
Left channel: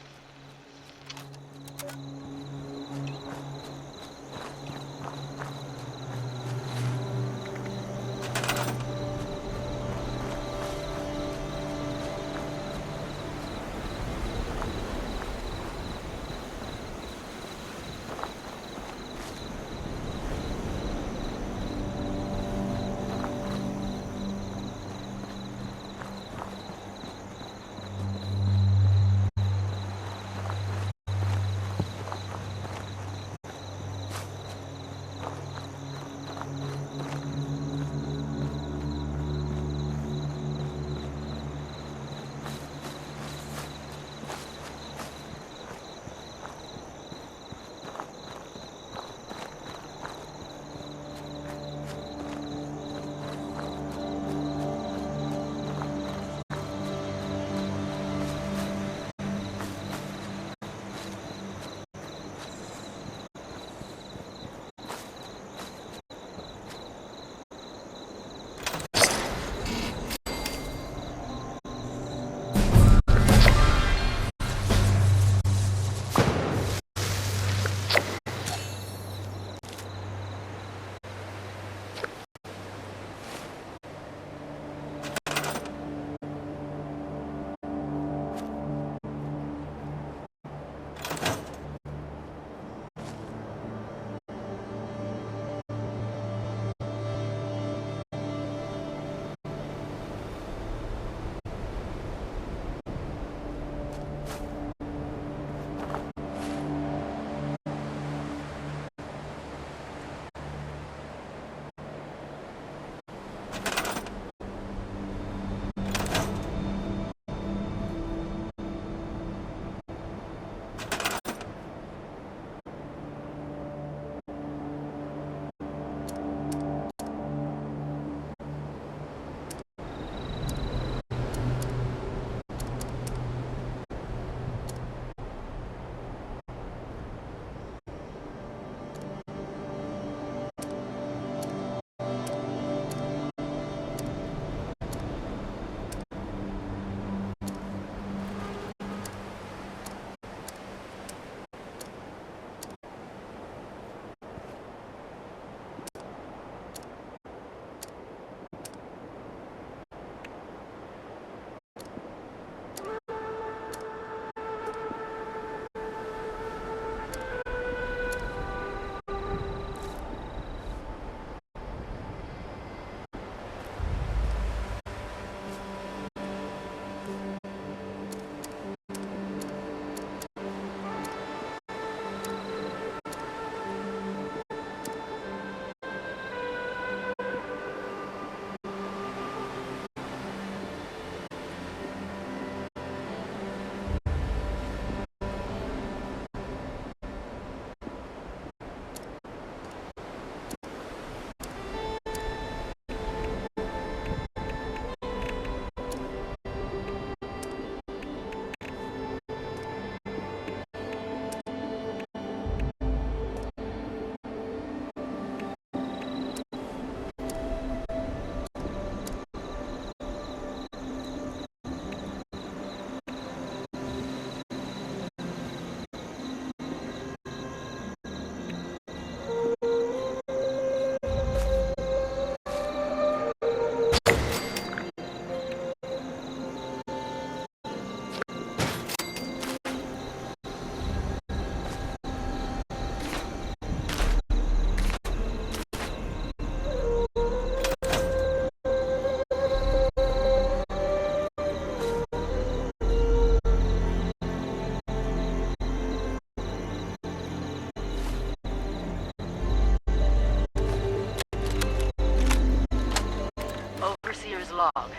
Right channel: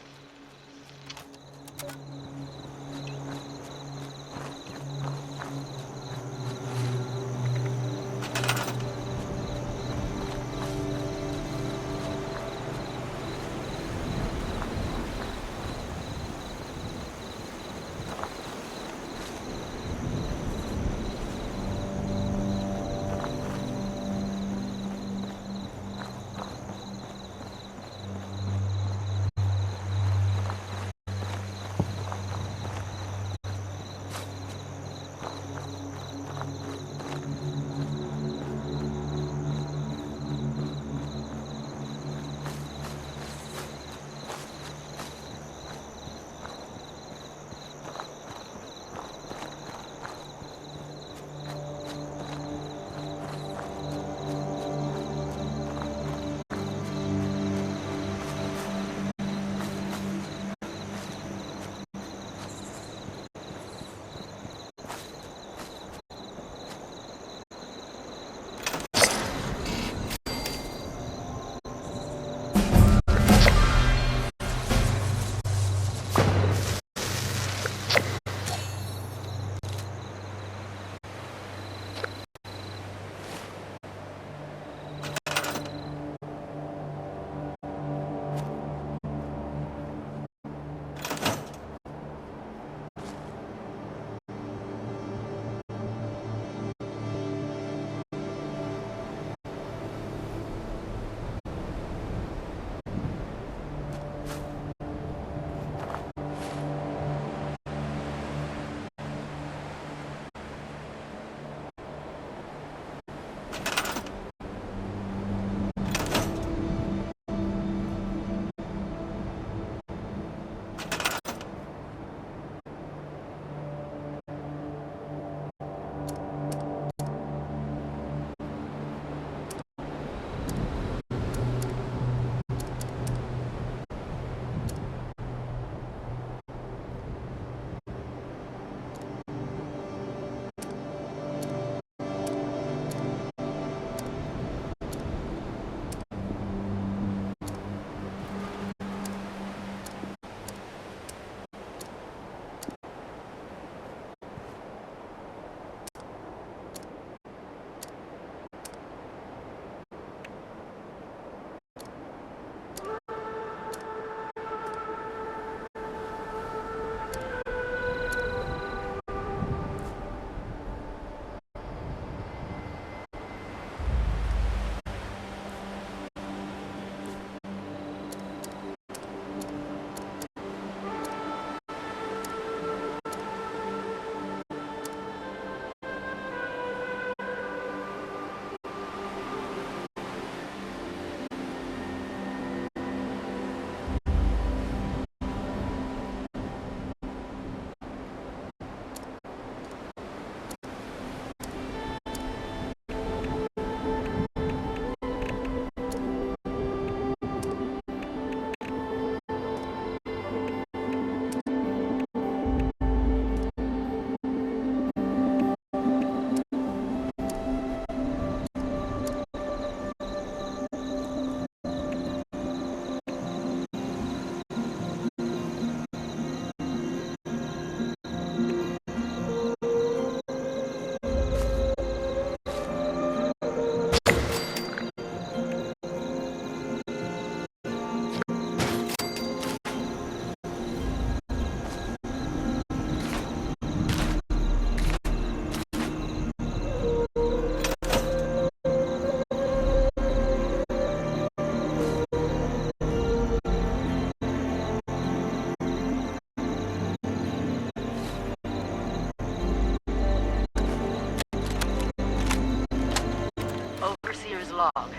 log,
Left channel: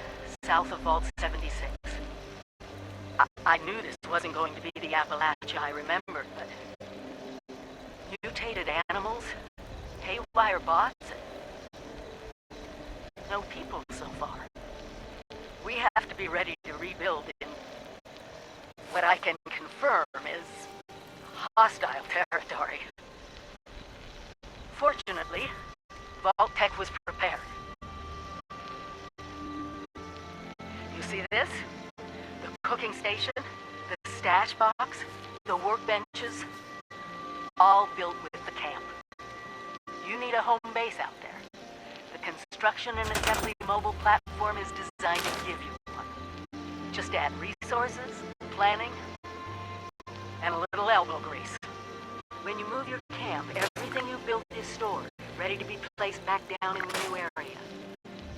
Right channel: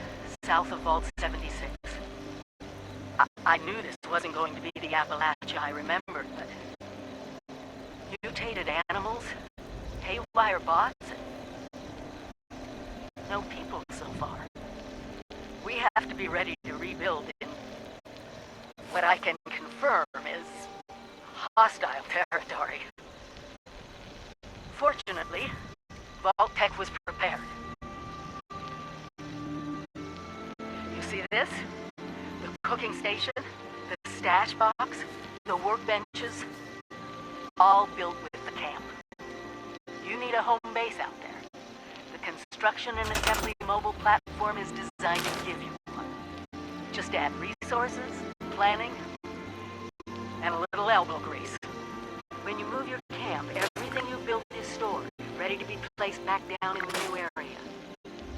south of Vault 76. I knew this wasn't going to be the Appalachia I remembered, but... mutated animals? Haywire bots? No people so far. We have to be ready to rebuild in... what I can confirm is... hostile territory. Fortunately, Vault Tech was prepared. You see this? The cooking station, the stash box, the workbenches, all built with the camp. You need a home base out there. The construction and assembly mobile platform is designed to give you one. Just add resources, planning, and a little elbow grease. When you move your camp, everything you built is stored, ready to be placed back down in the new area.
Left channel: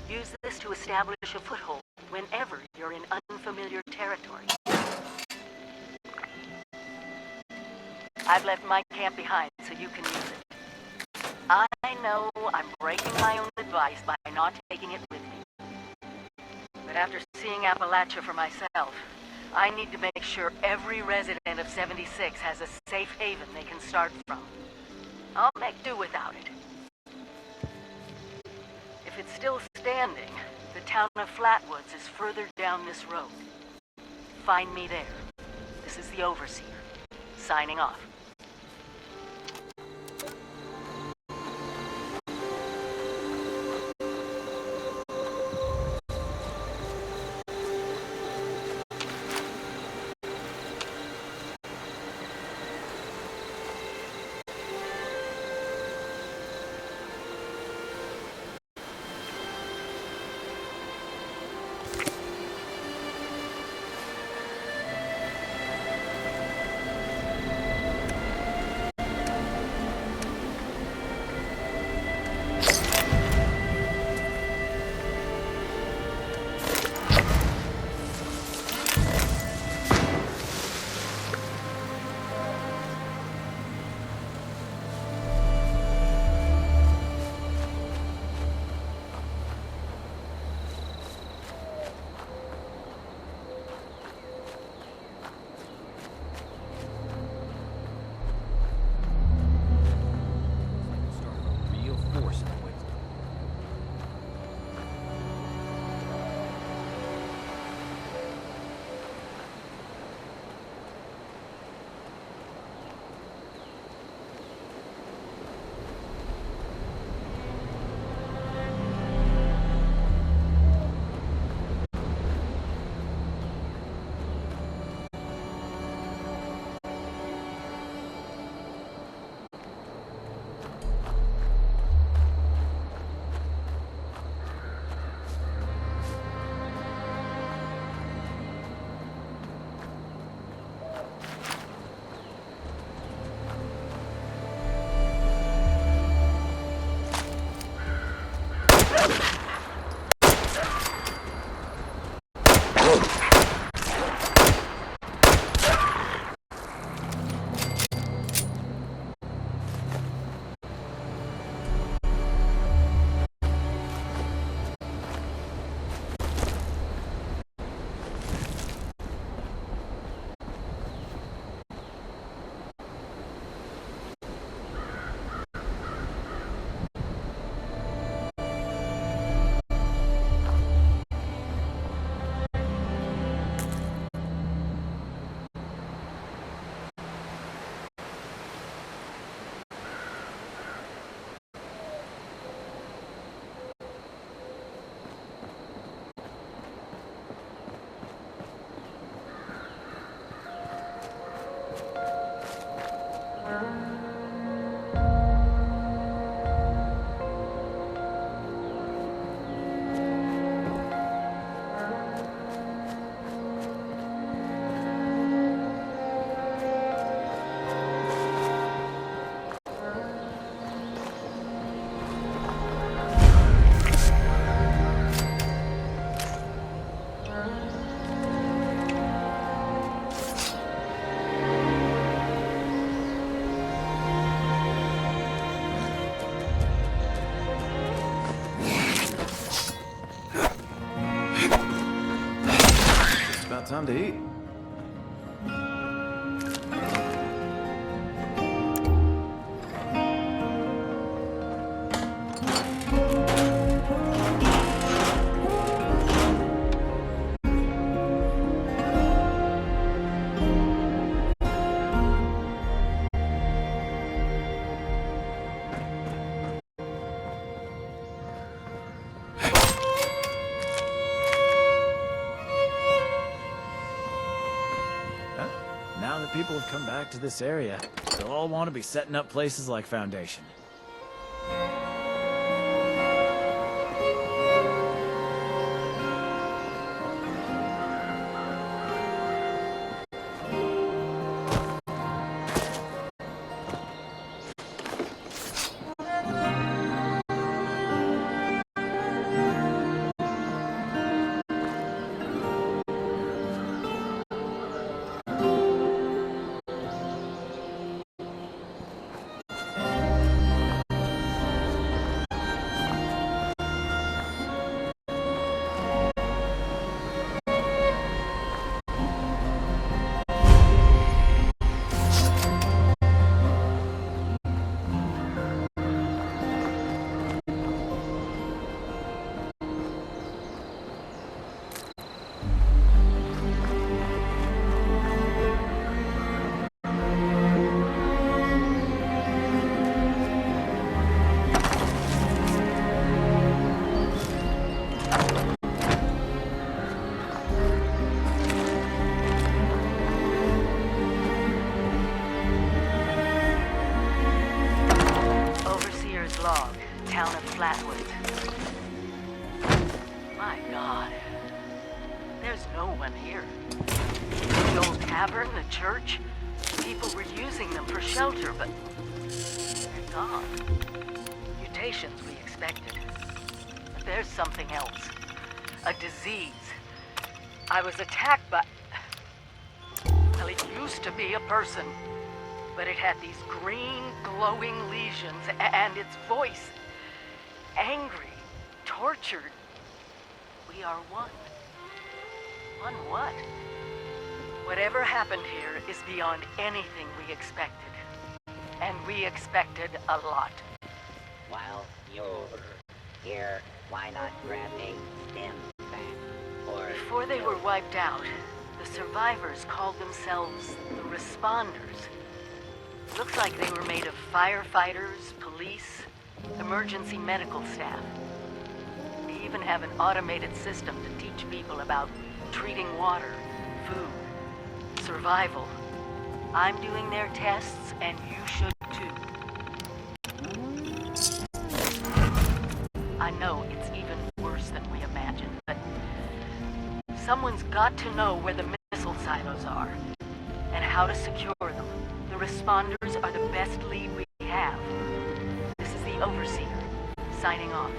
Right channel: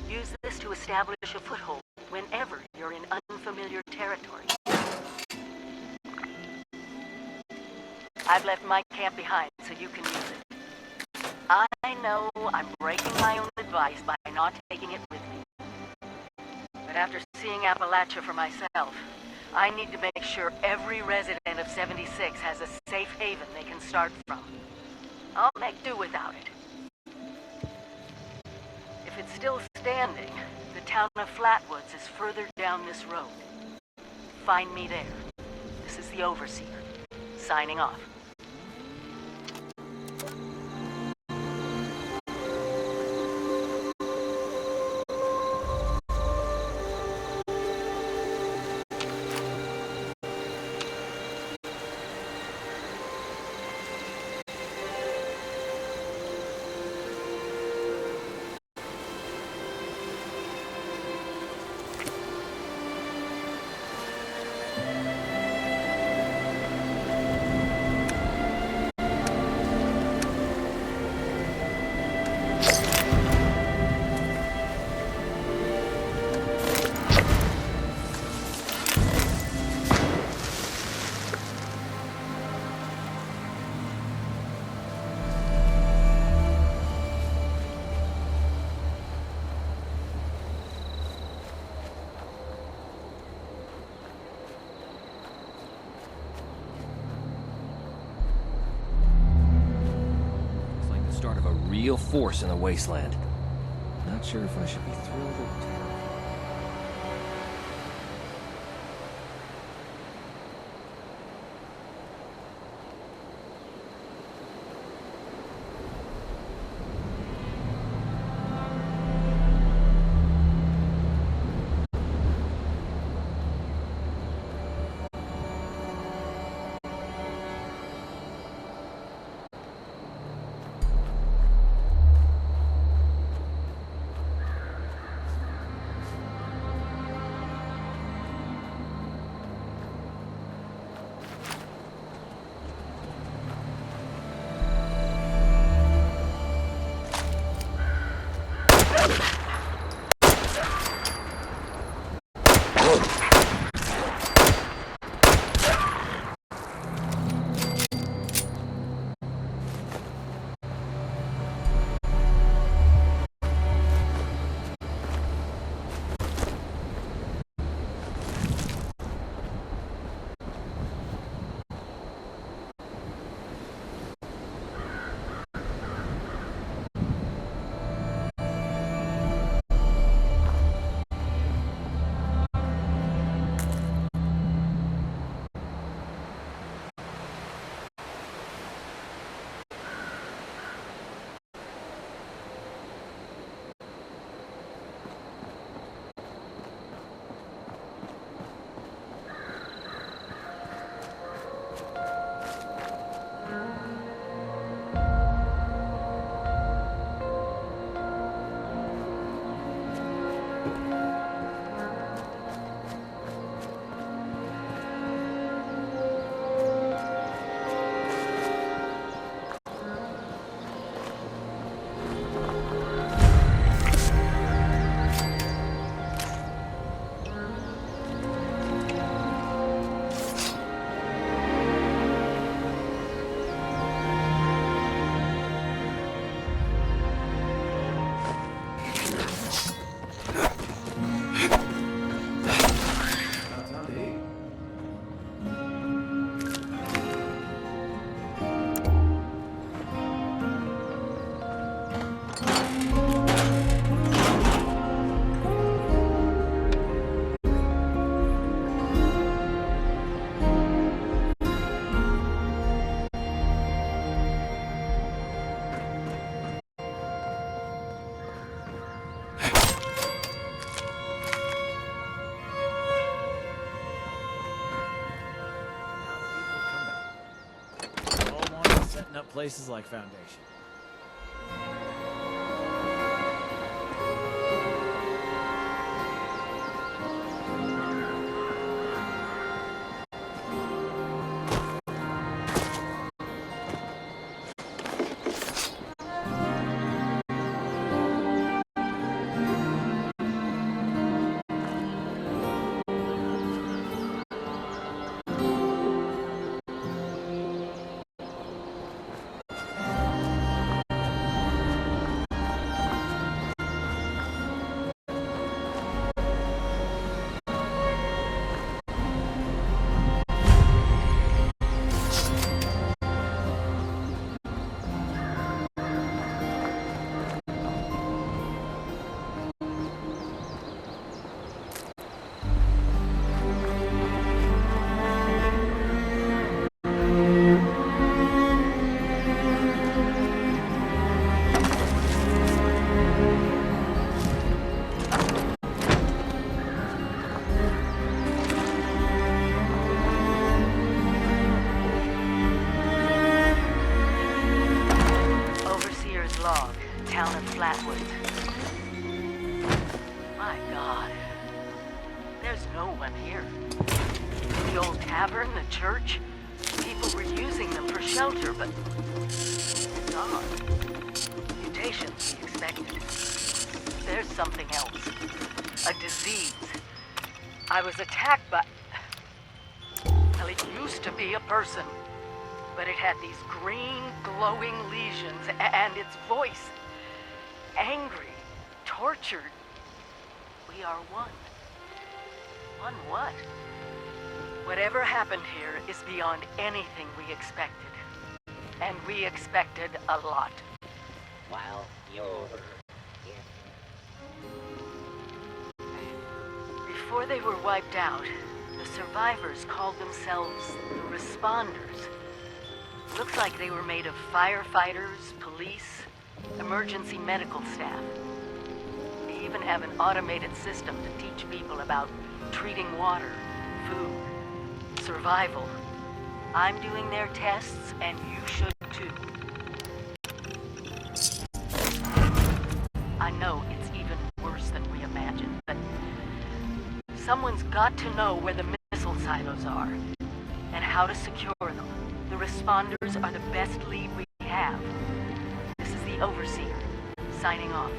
Use this to establish a foothold whenever you're in unfamiliar territory. I've left my camp behind so you can use it. I know I'm breaking my own advice by not taking it with me. But after seeing Appalachia for myself, I need to make sure every resident of 76 has a safe haven they can start from. I'll make do without it. If it's still standing, the town of Flatwoods is further down this road. Find me there. This is the Overseer, signing off. Real force in the wasteland. Not sure if I should be thrilled or terrified. around to eat. Now that people have come back to this area, they'll all want to be setting up places like Foundation. Log, town of Flatwood. My God. There's no one here. The old tavern, the church, people were using them for shelter, but they're gone. Mutations we expected. There's something else. A disease. I was attacked by... Well, it used to be a person. But it had these green, glowing lesions, and its voice. Angry, tortured. We are one. One what? Whatever happened here is beyond anything we expected. And we expected a lot. While you're here, why not grab a stim pack? Or... Before they were wiped out, the survivors called themselves the Responders. Looks like they were made of firefighters, police, emergency medical staff. They even have an automated system to teach people about treating water, food, survival. I'm doing their tests, and you should too. I know it's even worse than we imagined, but someone's got to know where the missile silos are and how to secure them. The Responders are the best lead we have. This is the Overseer, signing off.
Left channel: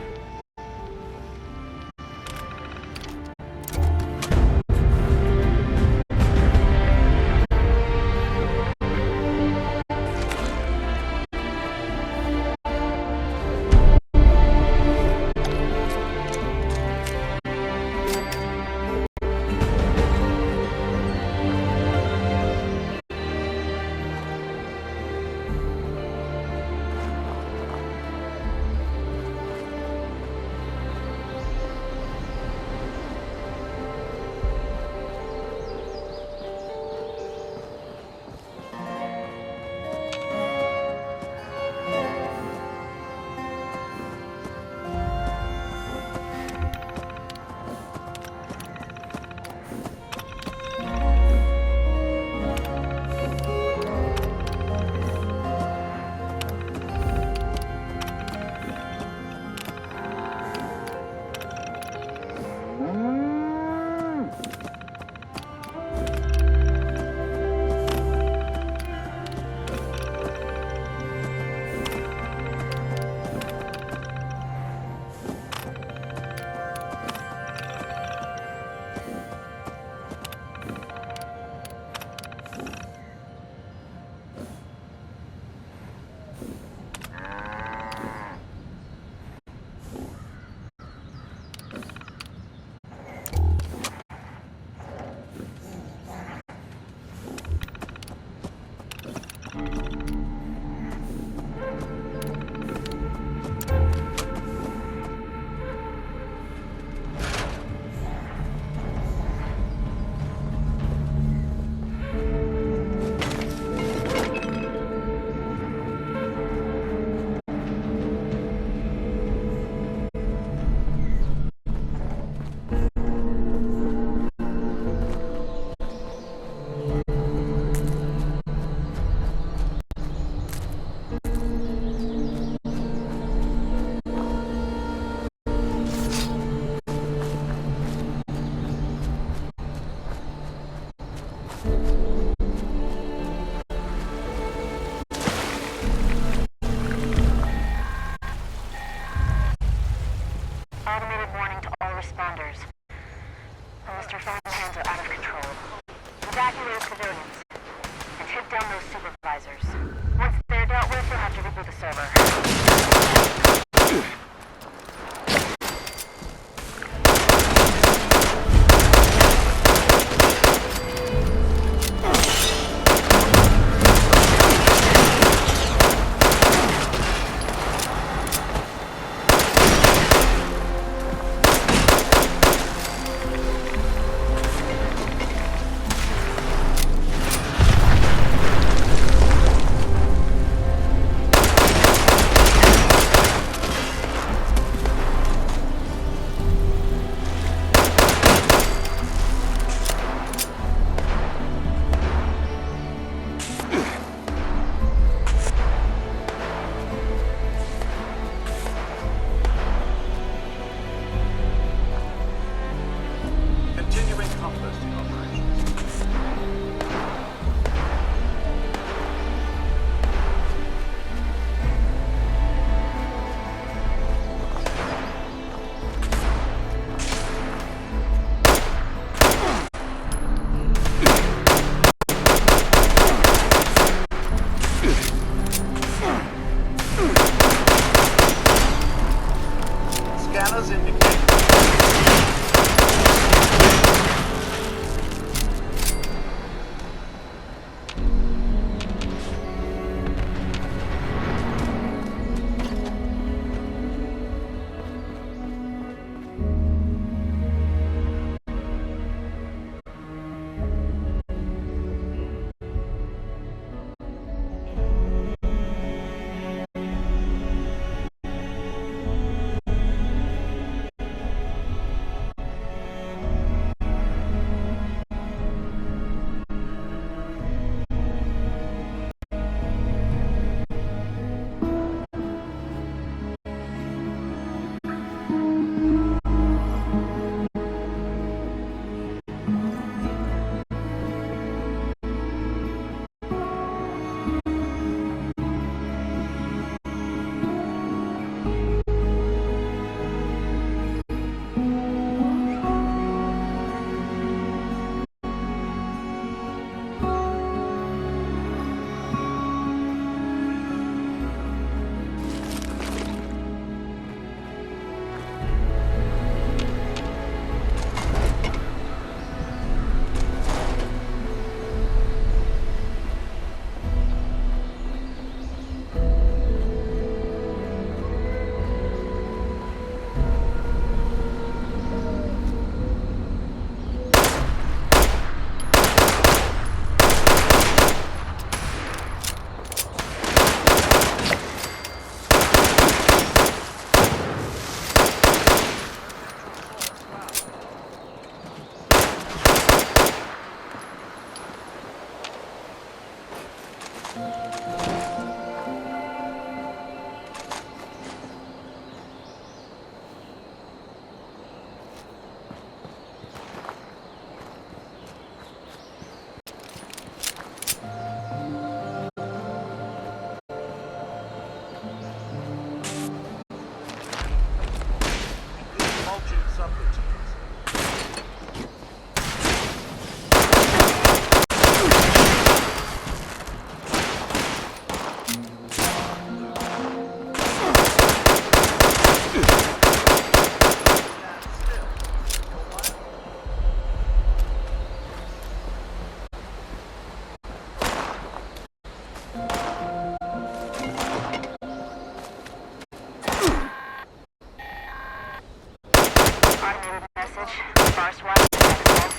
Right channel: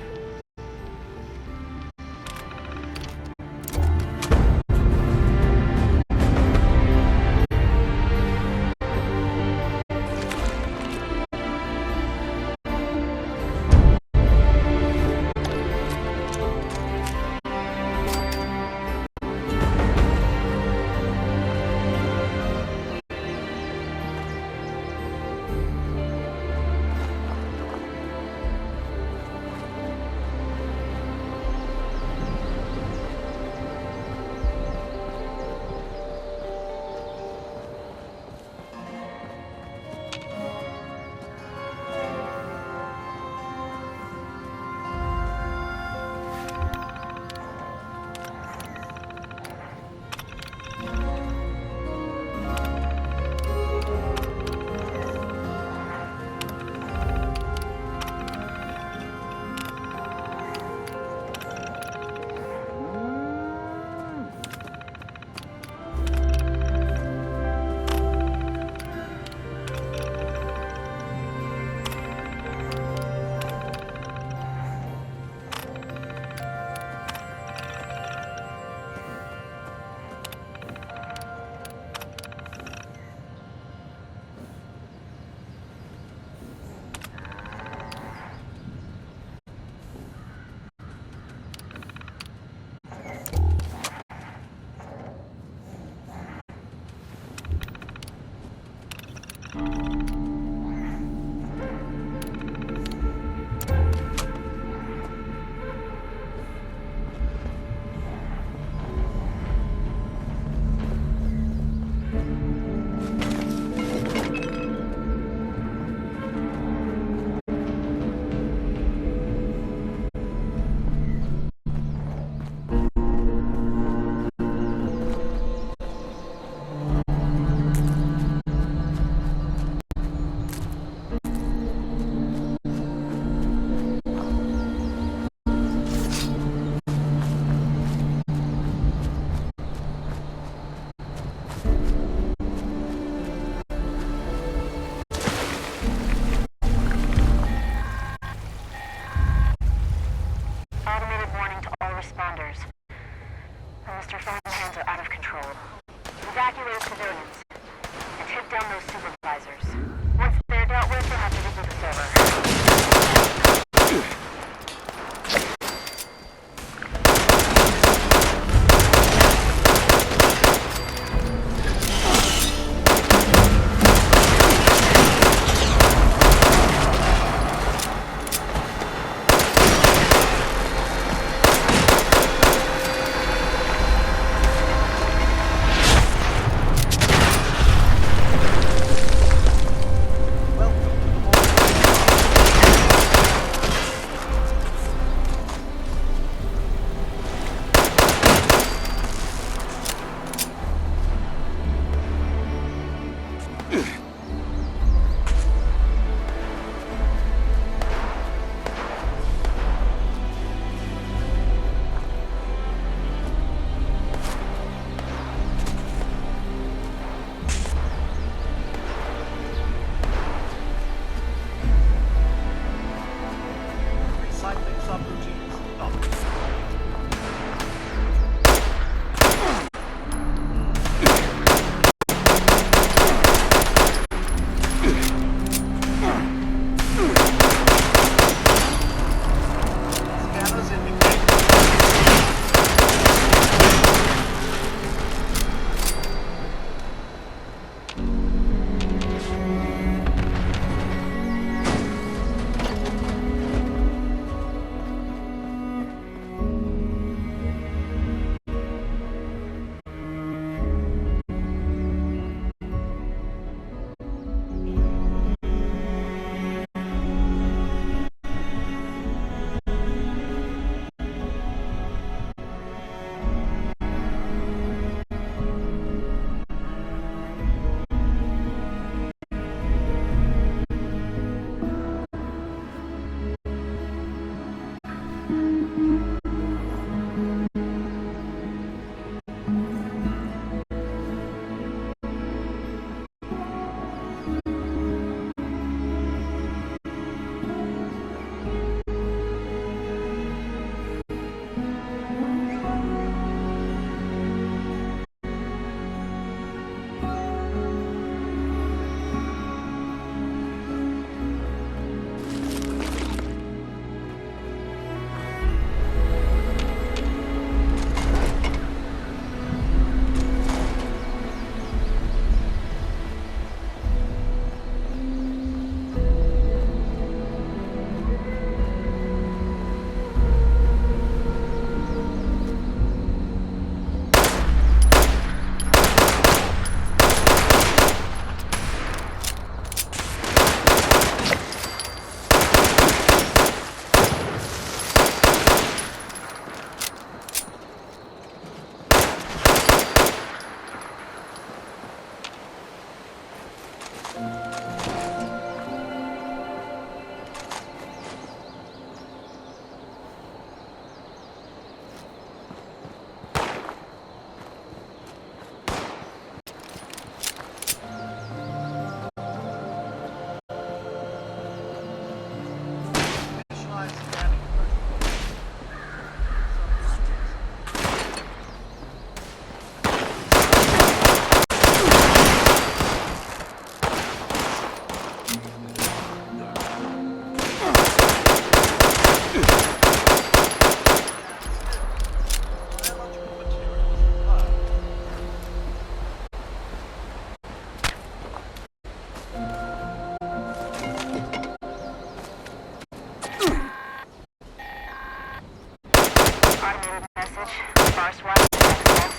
Mr. Fountainhands are out of control. Evacuate civilians and take down those supervisors. Once they're dealt with, you'll have to reboot the server.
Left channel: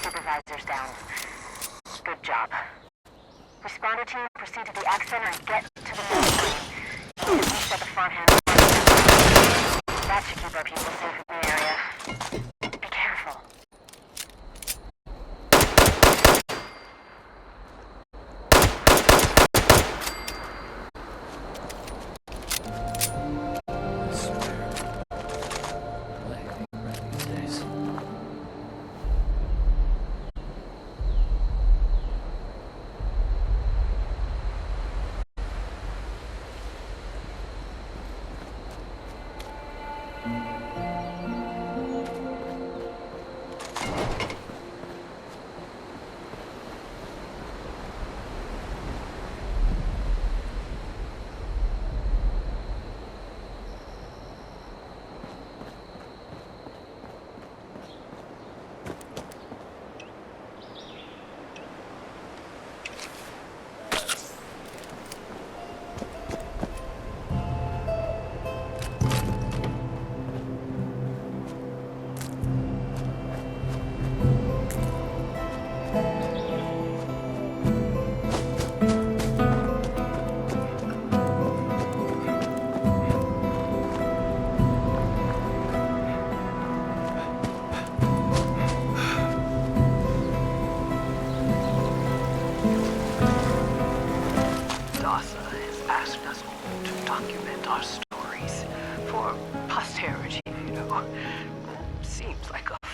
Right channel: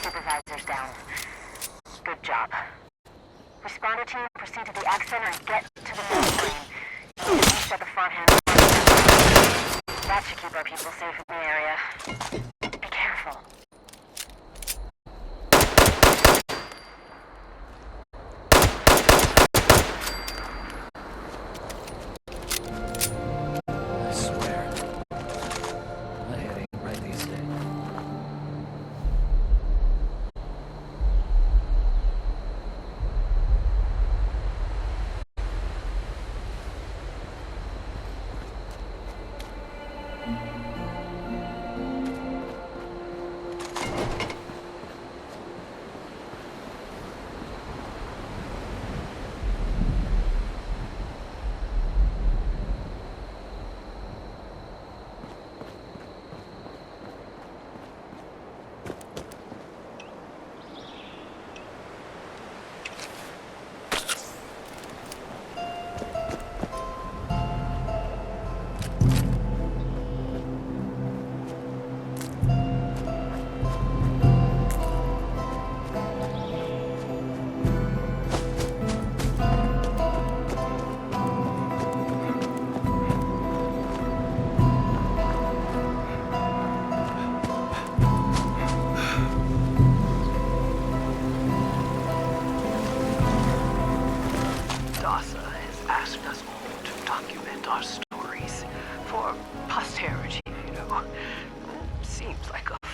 Supervisors down. Good job. Responder team, proceed to the Ag Center and get to the mainframe. You can reset the front hand. That should keep our people safe in the area. Be careful. I swear, my head ain't right these days.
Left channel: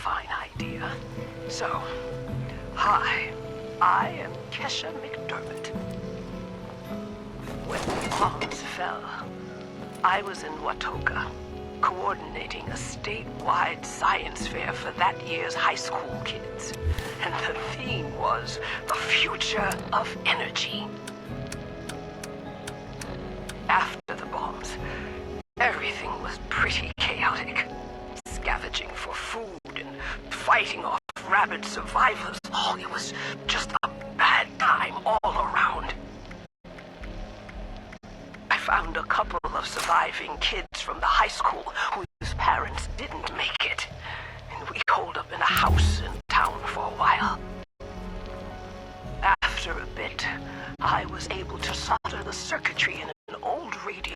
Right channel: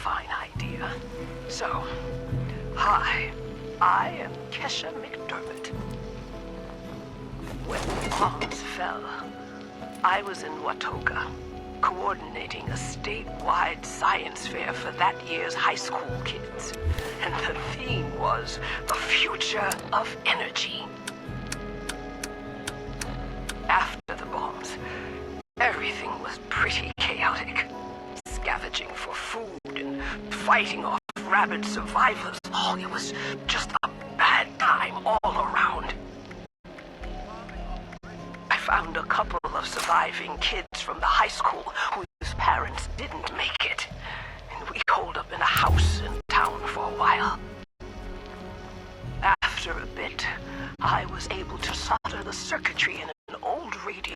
fine idea. So, hi, I am Kesha McDermott. When the bombs fell, I was in Watoga, coordinating a statewide science fair for that year's high school kids. And the theme was the future of energy. After the bombs, everything was pretty chaotic. Scavenging for food and fighting off rabid survivors. Oh, it was just a bad time all around. I found a couple of surviving kids from the high school whose parents didn't make it. And we holed up in a house in town for a while. After a bit, I was able to solder the circuitry in an old radio.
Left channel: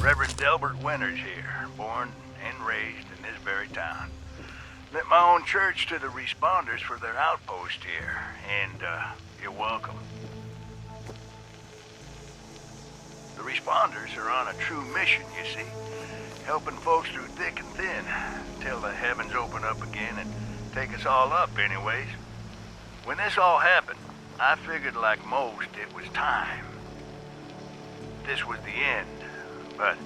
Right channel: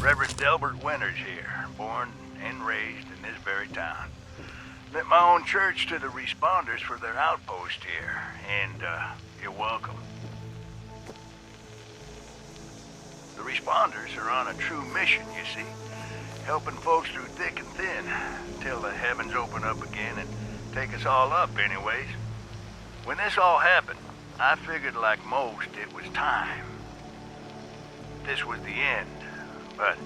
Reverend Delbert Winters here, born and raised in this very town. Lent my own church to the responders for their outpost here, and you're welcome. The responders are on a true mission, you see, helping folks through thick and thin, till the heavens open up again and take us all up anyways. When this all happened, I figured like most it was time. This was the end, but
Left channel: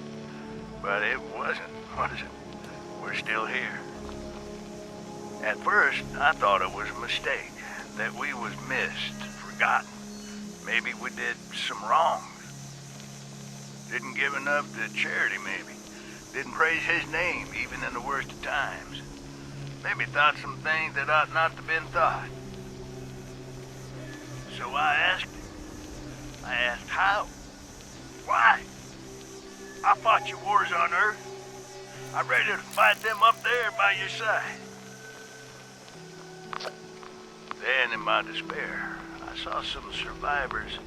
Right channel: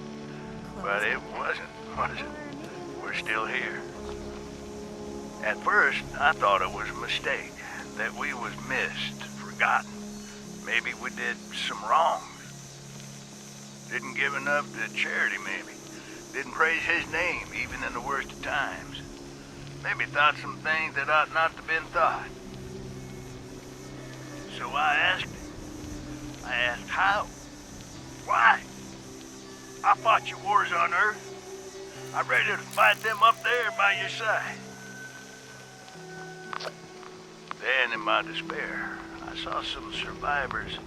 it wasn't, was it? We're still here. At first, I thought it was a mistake, that we was missed, forgotten. Maybe we did some wrongs. Didn't give enough to charity, maybe. Didn't praise his name, even in the worst of times. Maybe thought some things that ought not to have been thought. So I asked him. I asked how? Why? I fought your wars on Earth. I'm ready to fight them up there by your side. Then, in my despair, I saw some survivors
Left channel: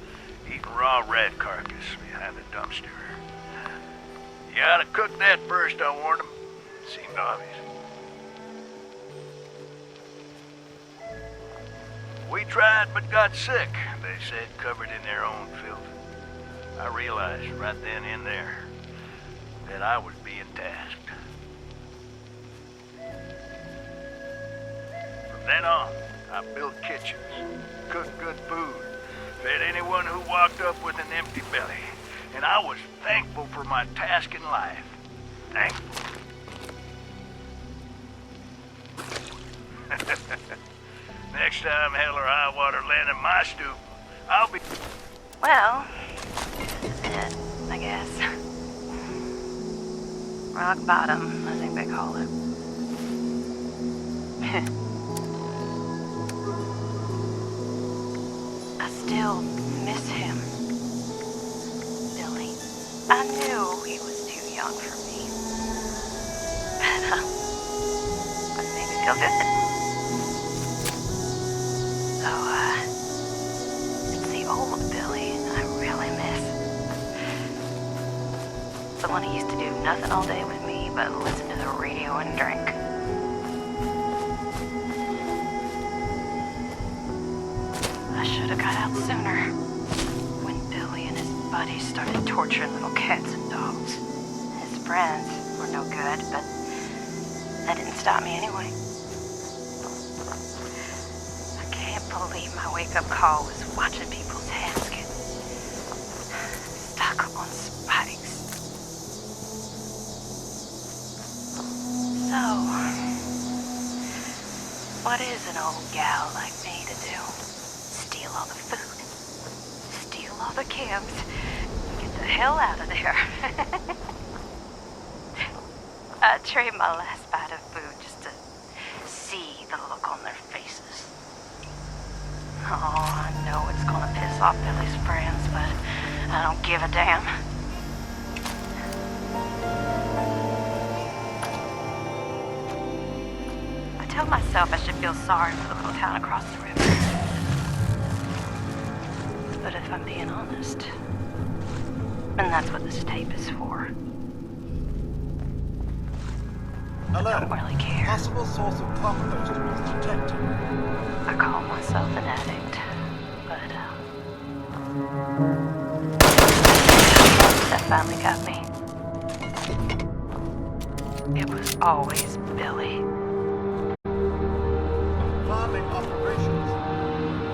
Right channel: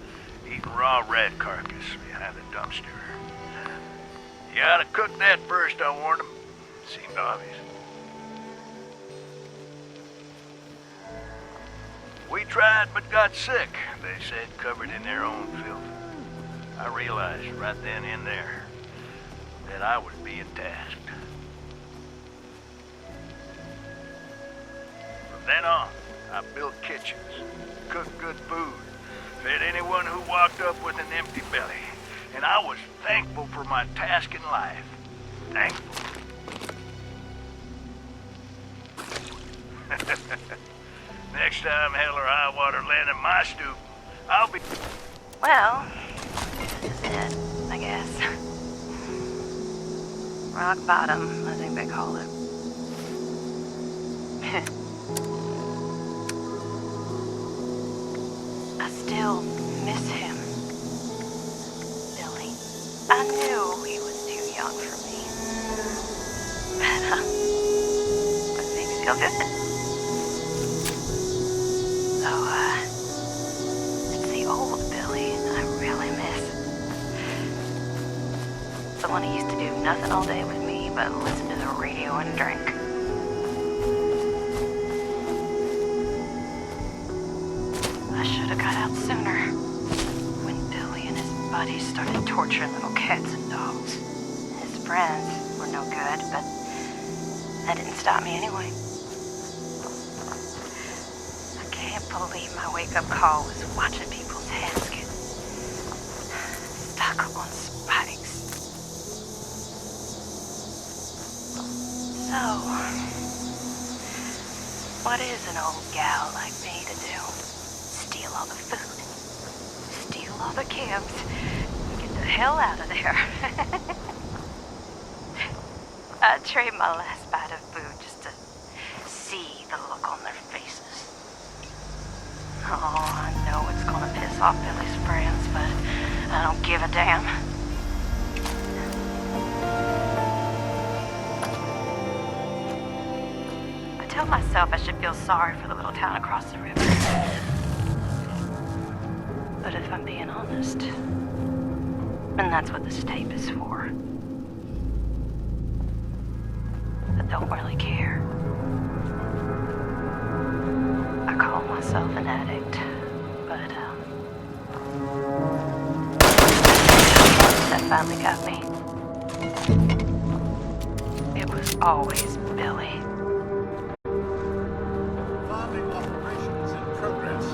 eating raw rat carcass behind a dumpster. You ought to cook that first, I warned them. Seemed obvious. We tried but got sick, they said, covered in their own filth. I realized right then and there that I was being tasked. From then on, I built kitchens, cooked good food, fed anyone who walked up with an empty belly, and I was thankful for my task in life. Thankful. Next time hell or high water land in my stoop, I'll be... Well, this is it, I guess. Rock bottom, I think they call it. I still miss him. Billy. I knew he was too young for me. But it made me feel good. So, it's the old Billy I really miss. The one who used to do nothing all day with me but listen to the radio and drink. I should have got out sooner. When Billy and his buddies started torturing little cats and dogs. His friends were no good, but that didn't stop me anyway. I can't believe my wake-up call was watching people's heads get stuck on spikes. So, what is an old gal like me to do? Steal all the food, steal all the cams, and get the hell out of there. I'd trade my last bite of food just to see the look on their faces. Oh, I know it's gonna piss off Billy's friends, but I don't give a damn. I tell myself I should feel sorry for the little town across the river. But if I'm being honest, and that's what this tape is for, I don't really care. I call myself an addict, but that finally got me. It was always Billy. Farming operations in progress.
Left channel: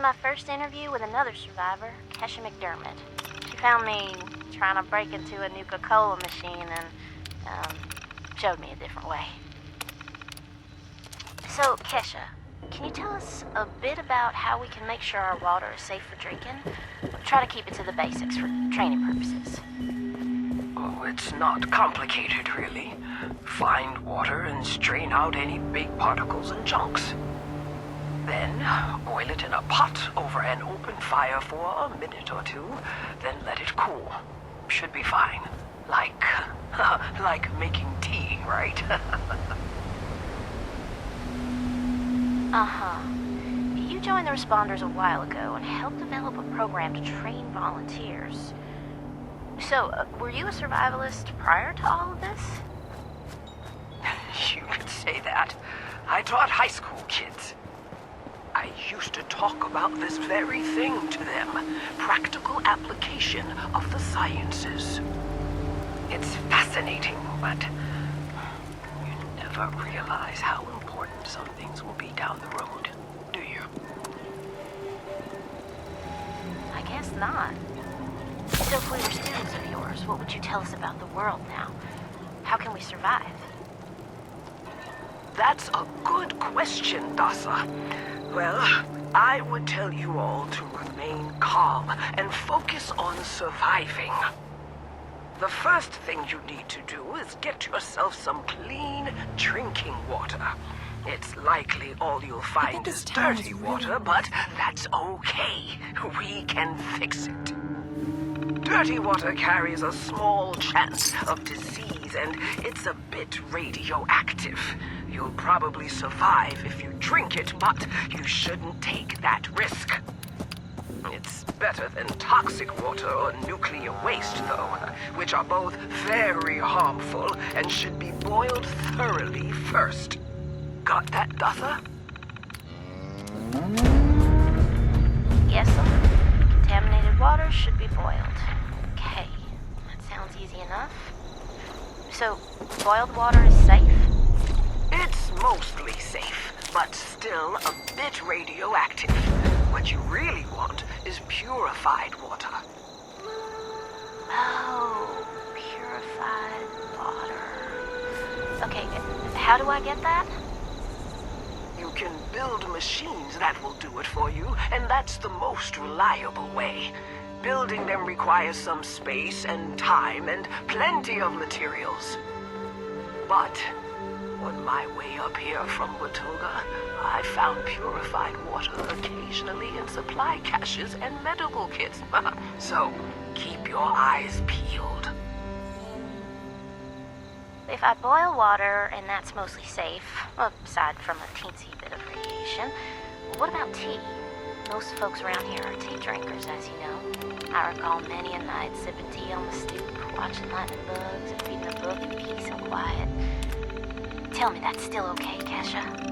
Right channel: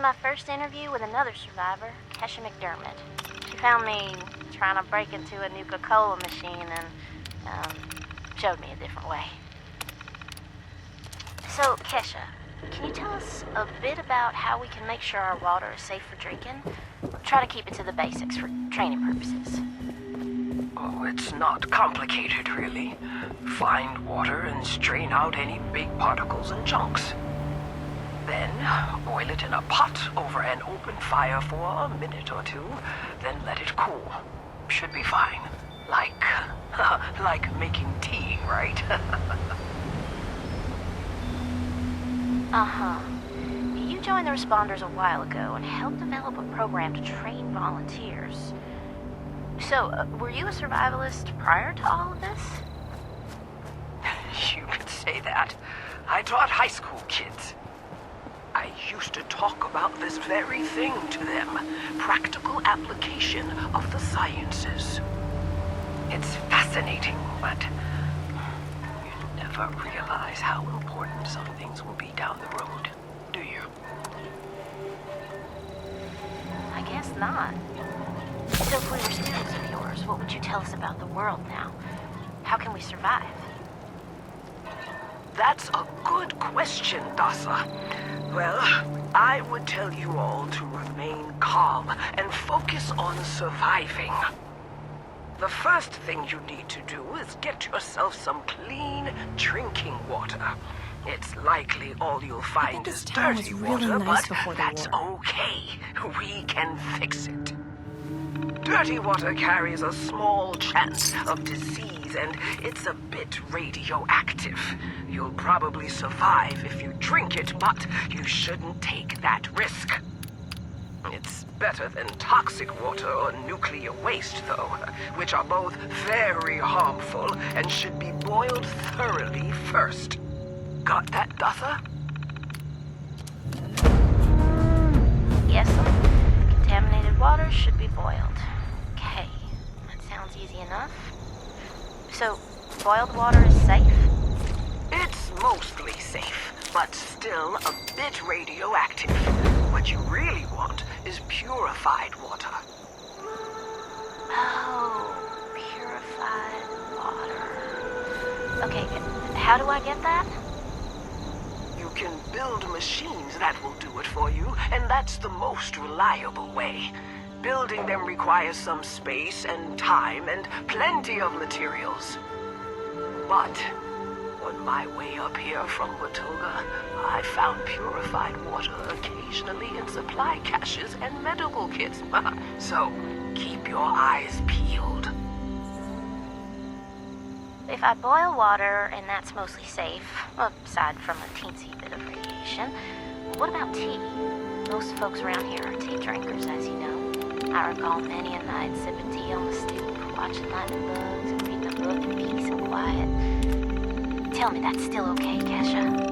my first interview with another survivor, Kesha McDermott. She found me trying to break into a Nuka-Cola machine and, showed me a different way. So, Kesha, can you tell us a bit about how we can make sure our water is safe for drinking? We'll try to keep it to the basics for training purposes. Oh, it's not complicated, really. Find water and strain out any big particles and chunks. Then, boil it in a pot over an open fire for a minute or two, then let it cool. Should be fine. Like making tea, right? Uh-huh. You joined the responders a while ago and helped develop a program to train volunteers. So, were you a survivalist prior to all of this? You could say that. I taught high school kids. I used to talk about this very thing to them. Practical application of the sciences. It's fascinating, but you never realize how important some things will be down the road, do you? I guess not. So if we were students of yours, what would you tell us about the world now? How can we survive? That's a good question, Dasa. Well, I would tell you all to remain calm and focus on surviving. The first thing you need to do is get yourself some clean drinking water. It's likely all you'll find is dirty water, but that's okay. We can fix it. Dirty water carries a small chance of disease, and it's a bit radioactive. You'll probably survive if you drink it, but you shouldn't take that risk. It's better than toxic water or nuclear waste, though, which are both very harmful and should be boiled thoroughly first. Got that, Dasa? Yes, sir. Contaminated water should be boiled. Okay, that sounds easy enough. So, boiled water is safe? It's mostly safe, but still a bit radioactive. What you really want is purified water. Oh, purified water. Okay, how do I get that? You can build machines that will do it for you, and that's the most reliable way. Building them requires some space and time and plenty of materials. But on my way up here from Watoga, I found purified water occasionally in supply caches and medical kits. So, keep your eyes peeled. If I boil water and that's mostly safe, aside from a teensy bit of radiation, what about tea? Most folks around here are tea drinkers, as you know. I recall many a night sipping tea on the stoop, watching lightning bugs, and reading a book in peace and quiet. Tell me that's still okay, Kesha?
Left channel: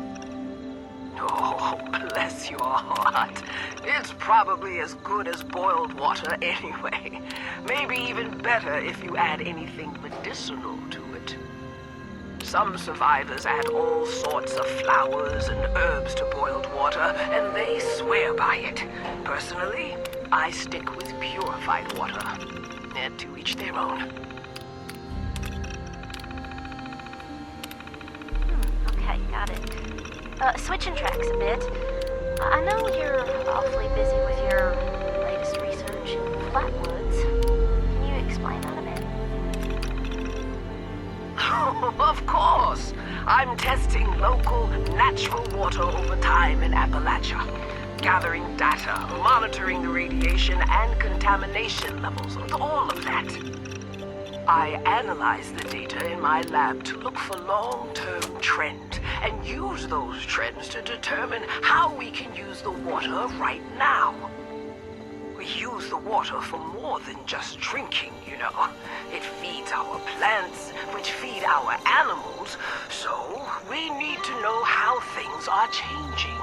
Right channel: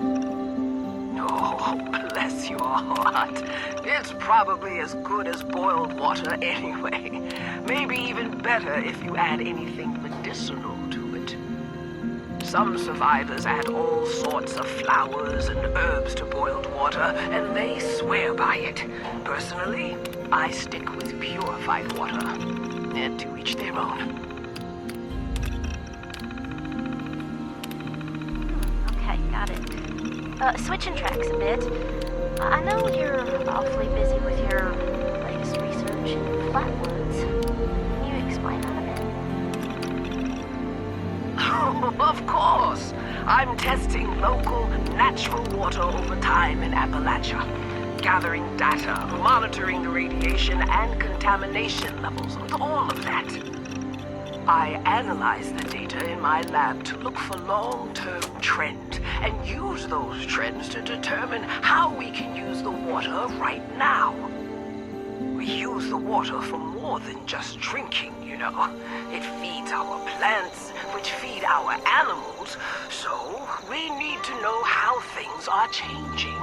Oh, bless your heart. It's probably as good as boiled water anyway. Maybe even better if you add anything medicinal to it. Some survivors add all sorts of flowers and herbs to boiled water, and they swear by it. Personally, I stick with purified water. And to each their own. Okay, got it. Switching tracks a bit. I know you're awfully busy with your latest research in flatwoods. Can you explain that a bit? Oh, of course. I'm testing local, natural water over time in Appalachia. Gathering data, monitoring the radiation and contamination levels, all of that. I analyze the data in my lab to look for long-term trends and use those trends to determine how we can use the water right now. We use the water for more than just drinking, you know. It feeds our plants, which feed our animals, so we need to know how things are changing.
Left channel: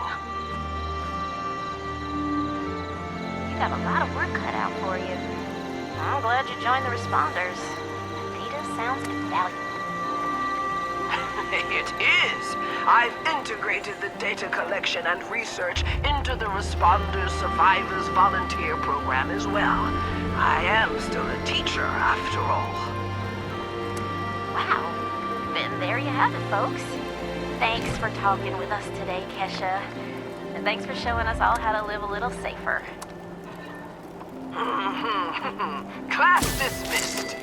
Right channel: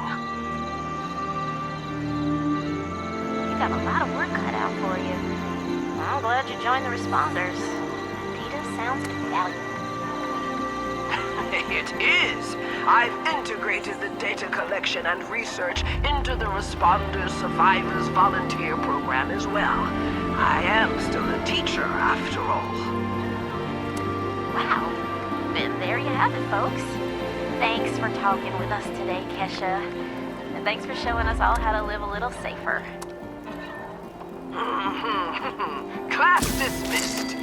You got a lot of work cut out for you. I'm glad you joined the responders. Sounds invaluable. It is. I've integrated the data collection and research into the Responders Survivors Volunteer Program as well. I am still a teacher, after all. Wow. Then there you have it, folks. Thanks for talking with us today, Kesha. And thanks for showing us all how to live a little safer. Class dismissed.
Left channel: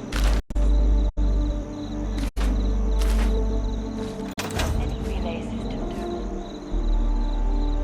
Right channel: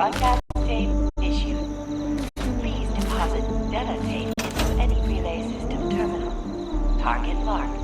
Broadcast tape issued. Please deposit data tape to any relay system terminal. Target marked.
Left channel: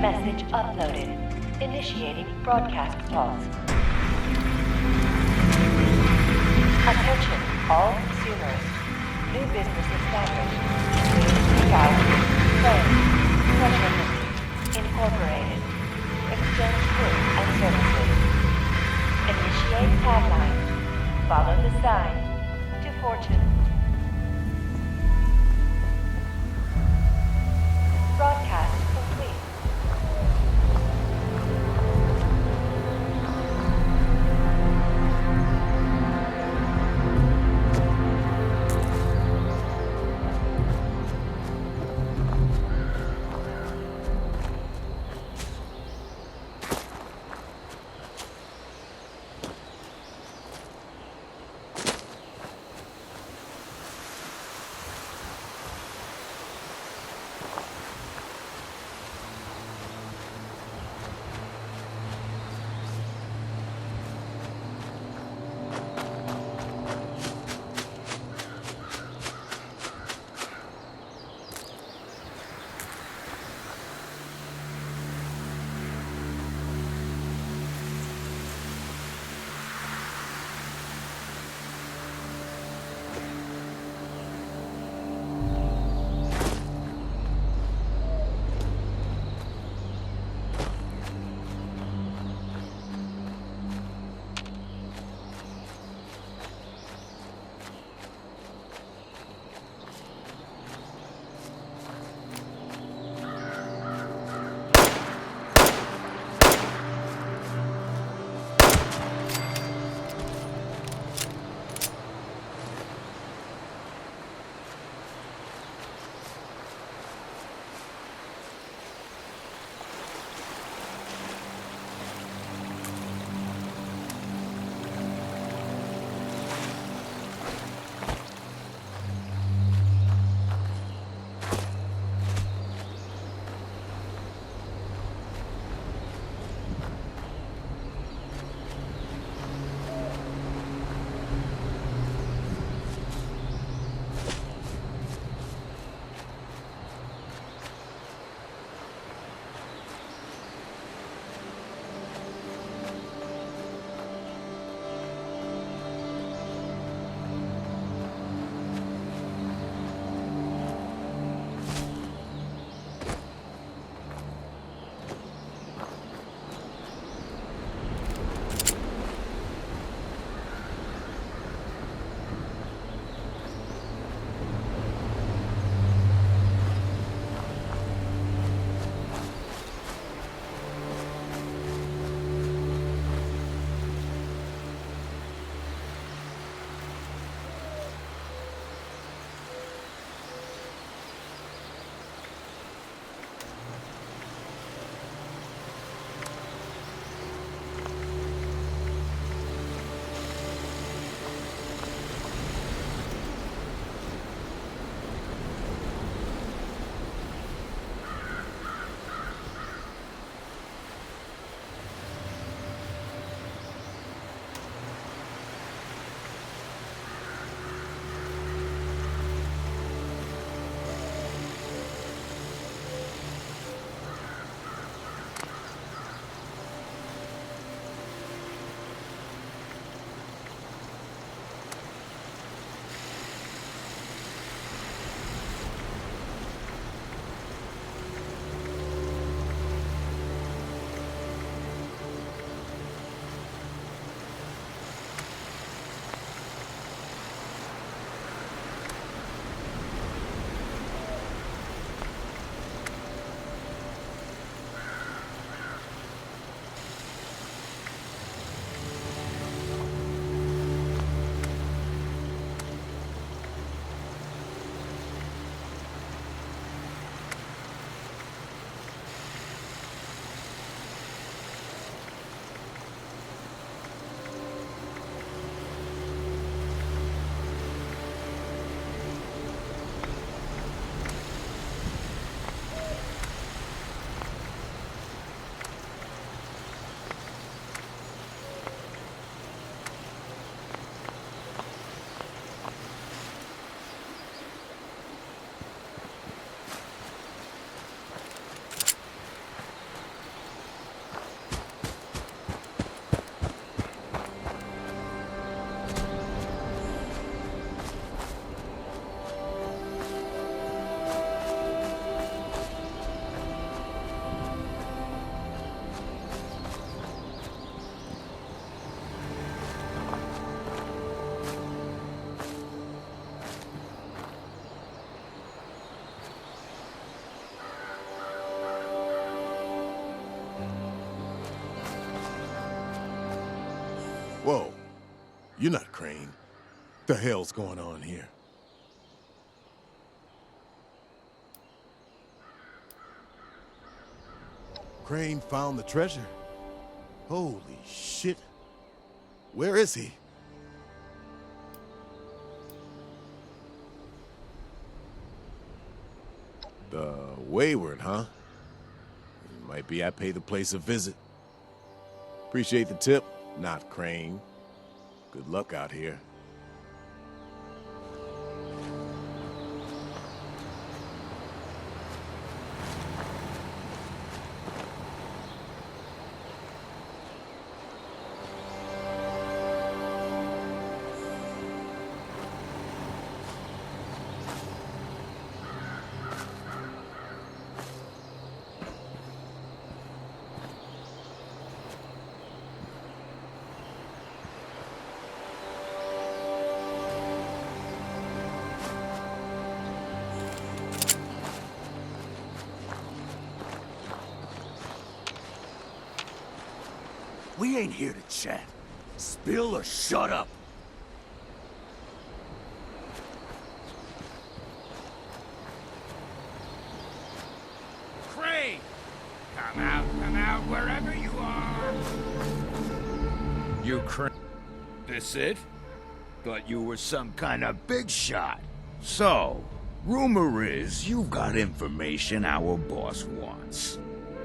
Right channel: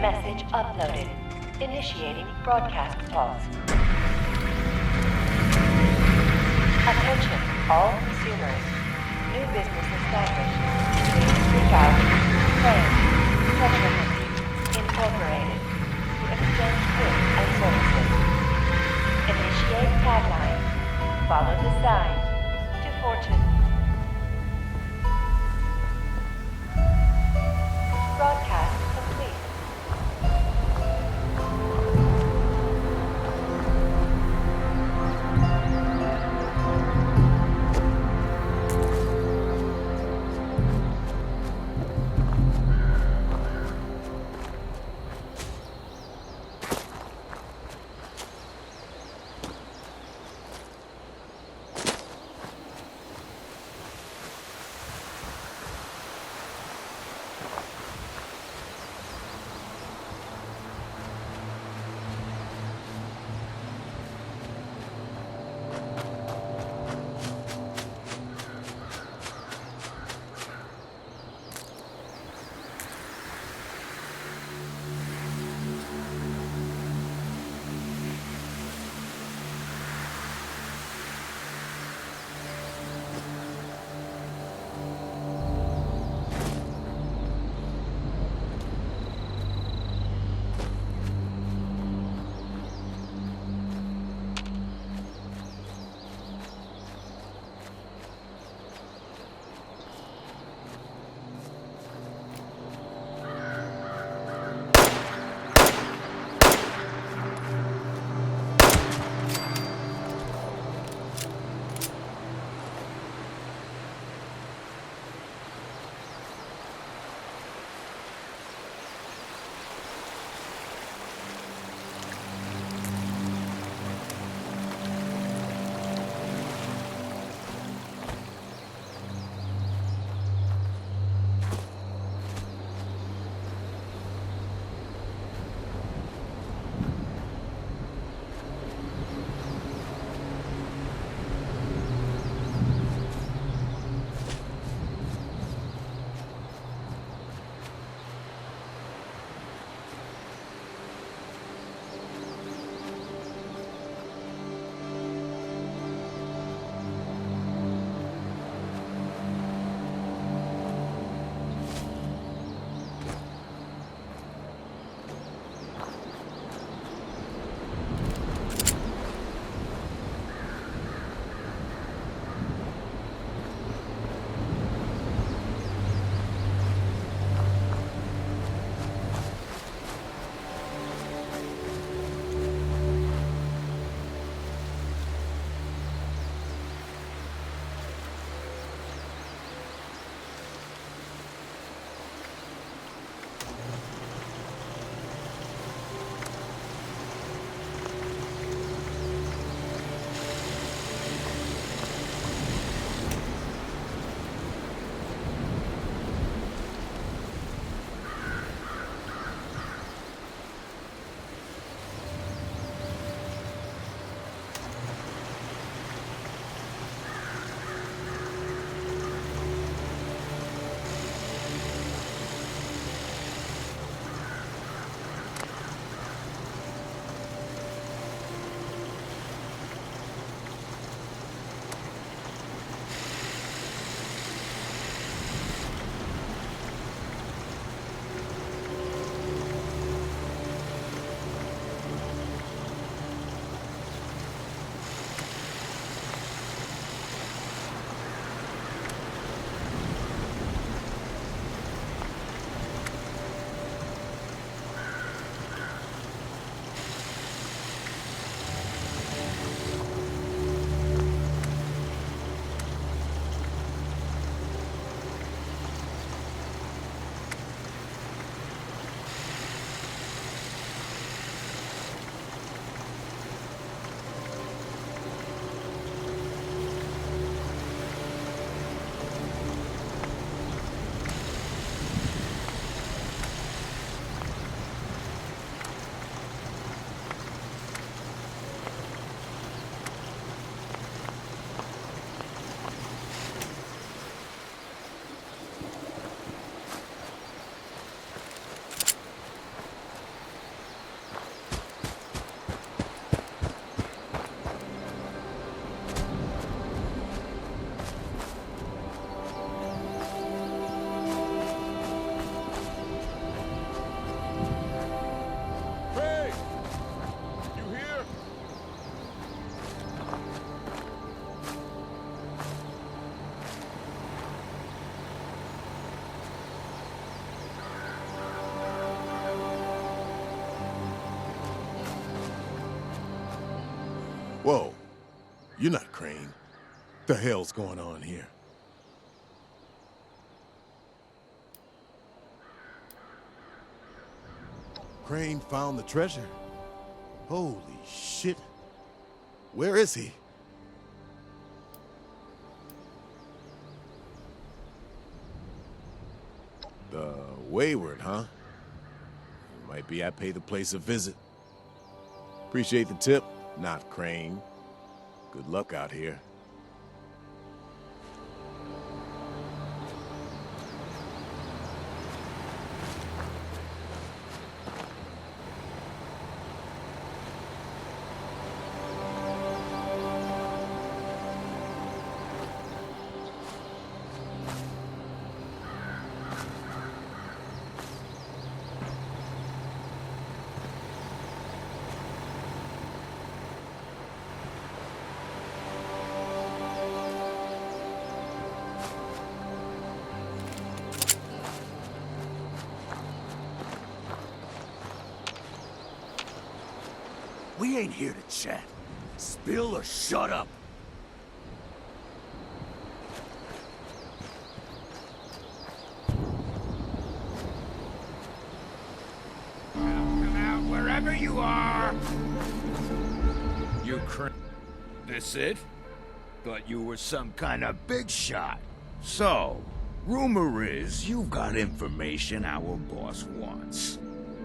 Message uploaded. Initiating broadcast pause. Attention, all consumers. New business established. Please seek out Friends, Treasure Hunting, Incorporated, to exchange goods and services. Initiate tagline. Follow the sign to fortune. Broadcast complete. Whoa. You're not Crane. The hell's going on here? Crane found the treasure. Holy shit. Where is he? The Wayward, huh? Might be I pay the place a visit. Appreciate the tip, not Crane. Good luck out here. We ain't here to chat. Spill or shut up. Crane! Come out, wherever you are! You Crane? This it? Thought you were some kind of big shot. So, rumor is you've got information our boss wants.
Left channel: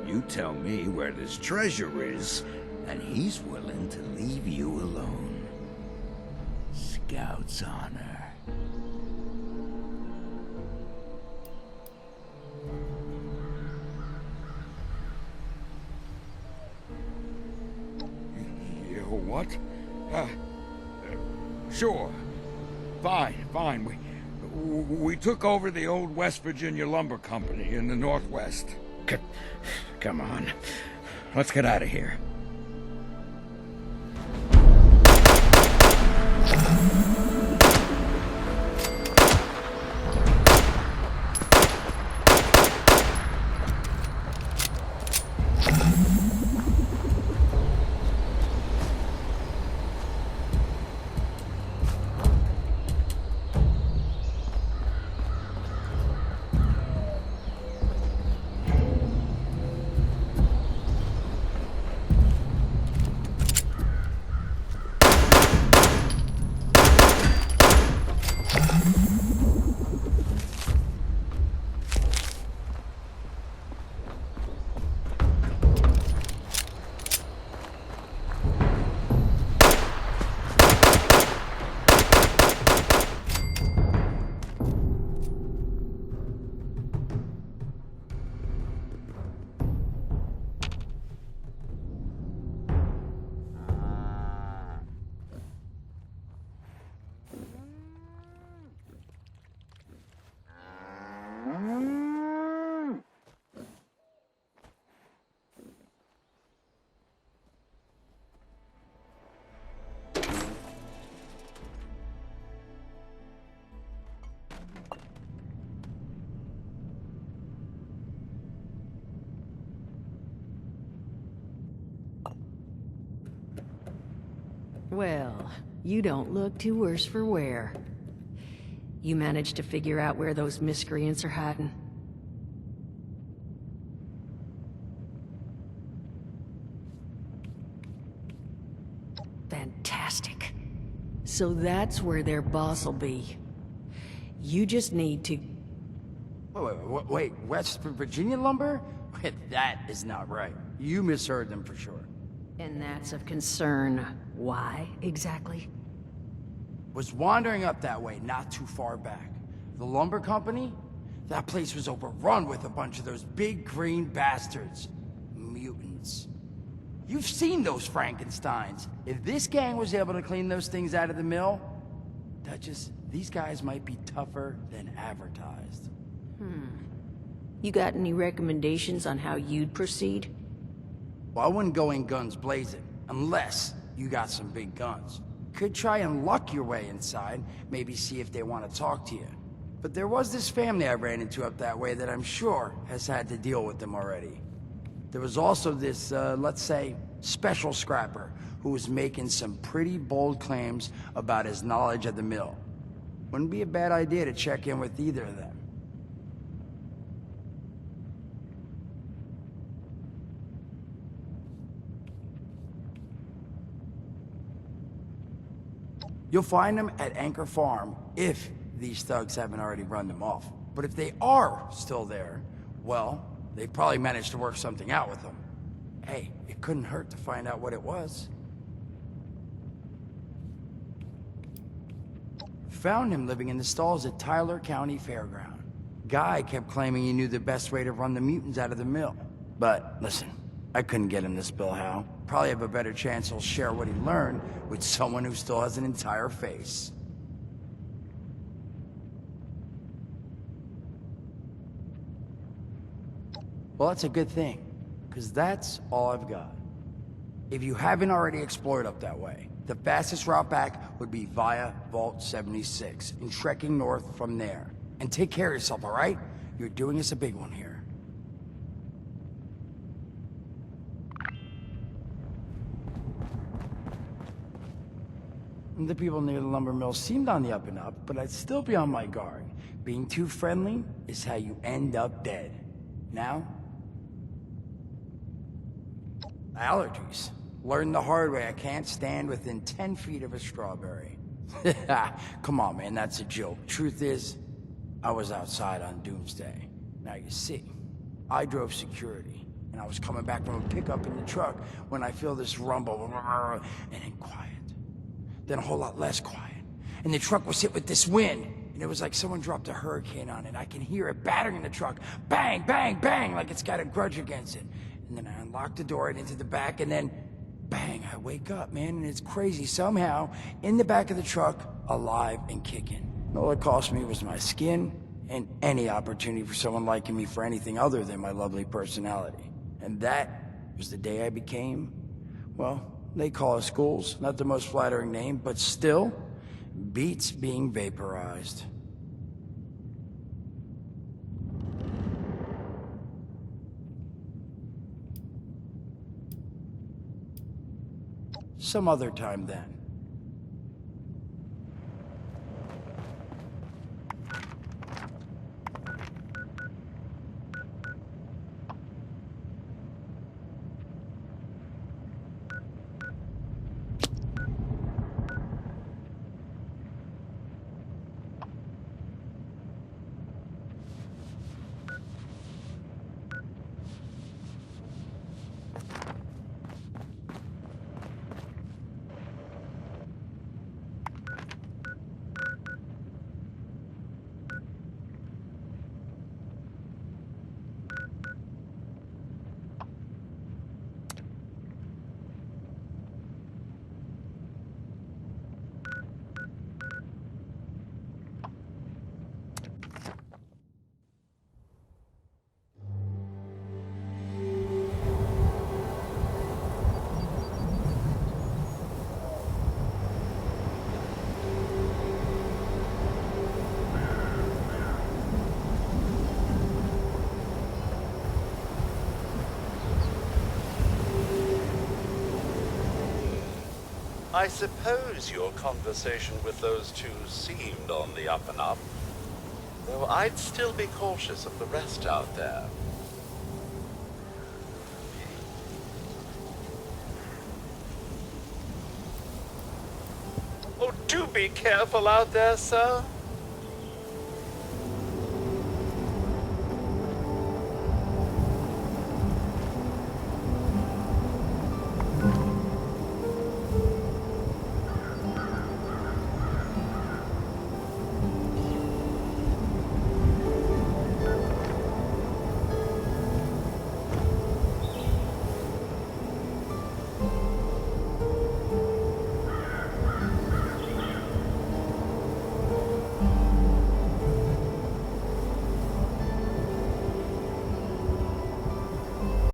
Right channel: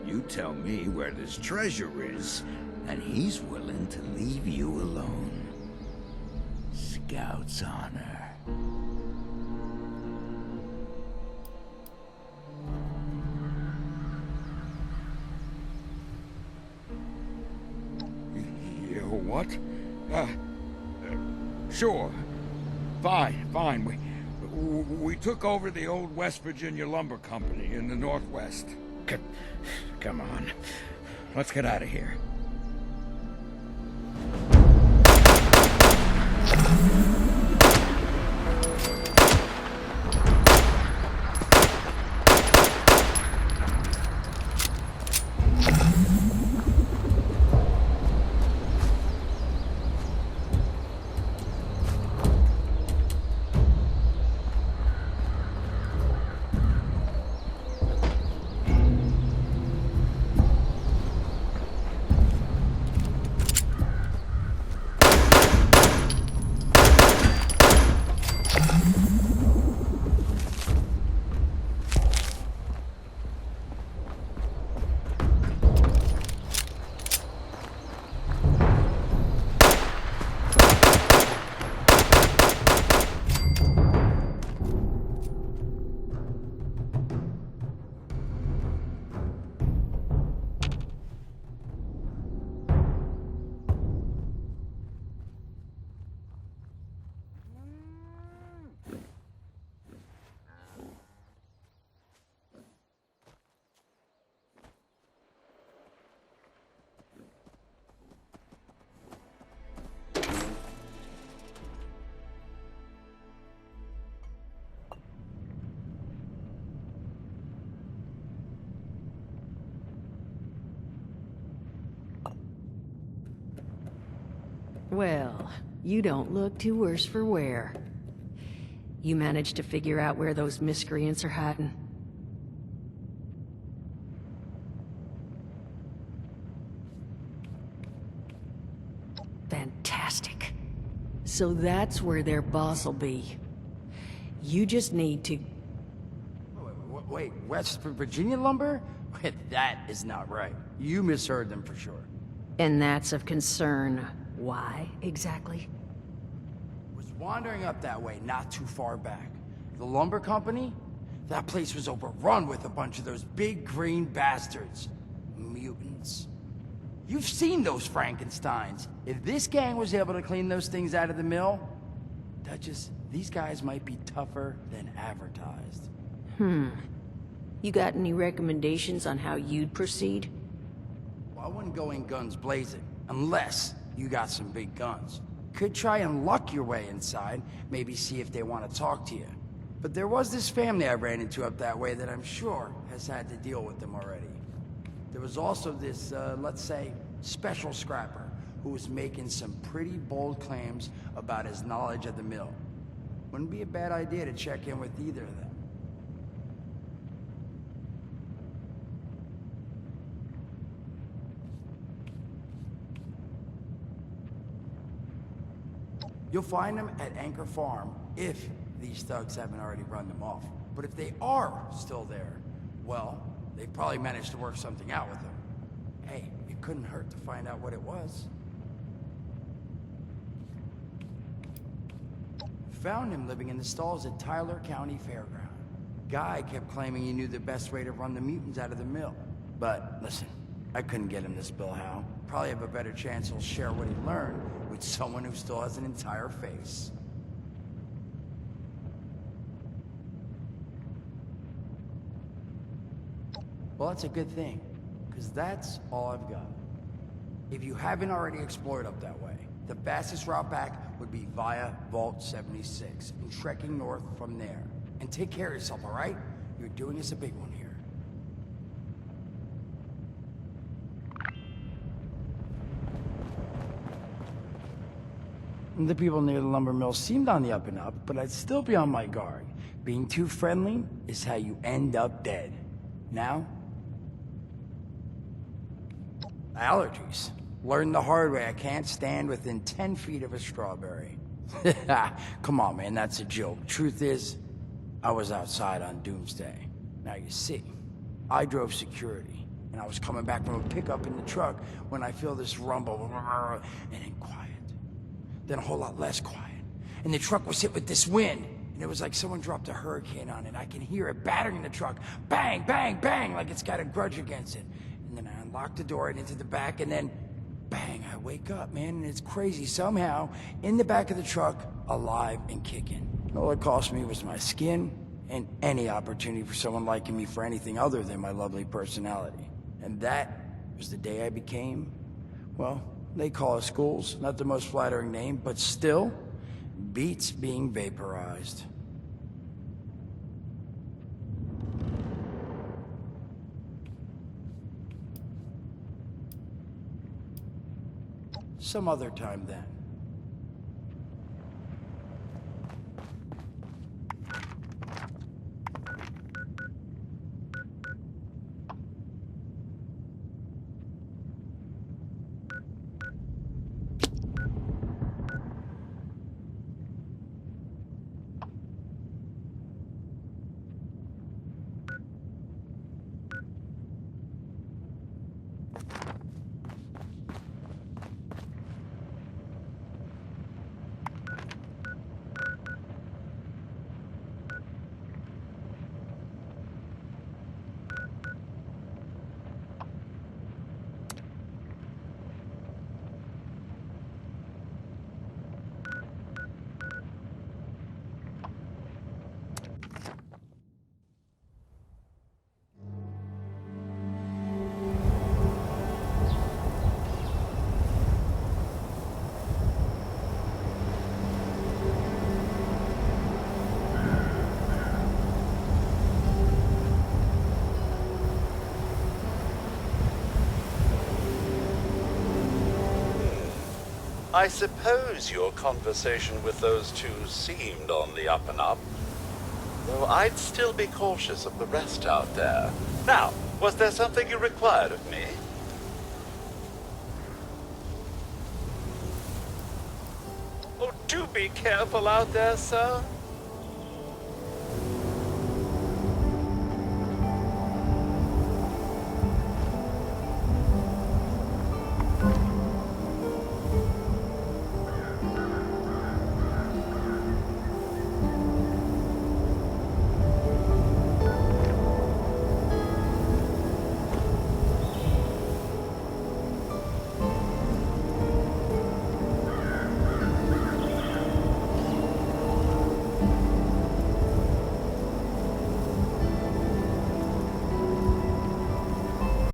You tell me where this treasure is, and he's willing to leave you alone. Scout's honor. You what? Sure. Fine. We took over the old West Virginia Lumber Company in the Northwest. Come on. Let's get out of here. Well, you don't look too worse for wear. You managed to figure out where those miscreants are hiding? Fantastic. So that's where their boss will be. You just need to... Wait, West Virginia lumber? That is not right. You misheard them for sure. And that's of concern. Why, exactly? Was wandering up that way not too far back. The lumber company? That place was overrun with a bunch of those big green bastards. Mutants. You've seen those Frankensteins. If this gang was able to clean those things out of the mill, these guys might be tougher than advertised. You got any recommendations on how you'd proceed? Well, I wouldn't go in guns blazing, unless you got some big guns. Could try and luck your way inside, maybe see if they want to talk to you. But there was this family I ran into up that way that I'm sure has had to deal with them already. There was also this, let's say, special scrapper who was making some pretty bold claims about his knowledge of the mill. Wouldn't be a bad idea to check in with either of them. You'll find them at Anchor Farm if these thugs haven't already run them off. But if they are still there, well, they probably managed to work something out with them. Hey, it couldn't hurt to find out what it was. Found him living in the stalls at Tyler County Fairground. Guy kept claiming he knew the best way to run the mutants out of the mill. But listen, I couldn't get him to spill how. Probably have a better chance he'll share what he learned with someone who still has an entire face. Well, that's a good thing, because that's all I've got. If you haven't already explored up that way, the fastest route back would be via Vault 76 and trekking north from there. And take care of yourself, all right? You're doing us a big one here. The people near the lumber mill seemed on the up and up, but I'd still be on my guard. Being too friendly is how you end up dead. Now? Allergies. Learned the hard way I can't stand within 10 feet of a strawberry. Come on, man, that's a joke. Truth is, I was outside on Doomsday. Now you see, I drove security, and I was coming back from a pickup in the truck when I feel this rumble, and then quiet. Then a whole lot less quiet. And the truck was hit with this wind, and it was like someone dropped a hurricane on it. I can hear it battering the truck. Bang, bang, bang, like it's got a grudge against it. And then I unlocked the door and into the back, and then bang, I wake up, man, and it's crazy. Somehow, in the back of the truck, alive and kicking. All it cost me was my skin and any opportunity for someone liking me for anything other than my lovely personality. And that was the day I became, well, they call us ghouls. Not the most flattering name, but still, beats being vaporized. Some other time then. I suppose your conversation with those two seemed on the up and up, though I'd still be cautious of the rest out there. Now, was there something you required of me? Oh, do be careful out there, sir.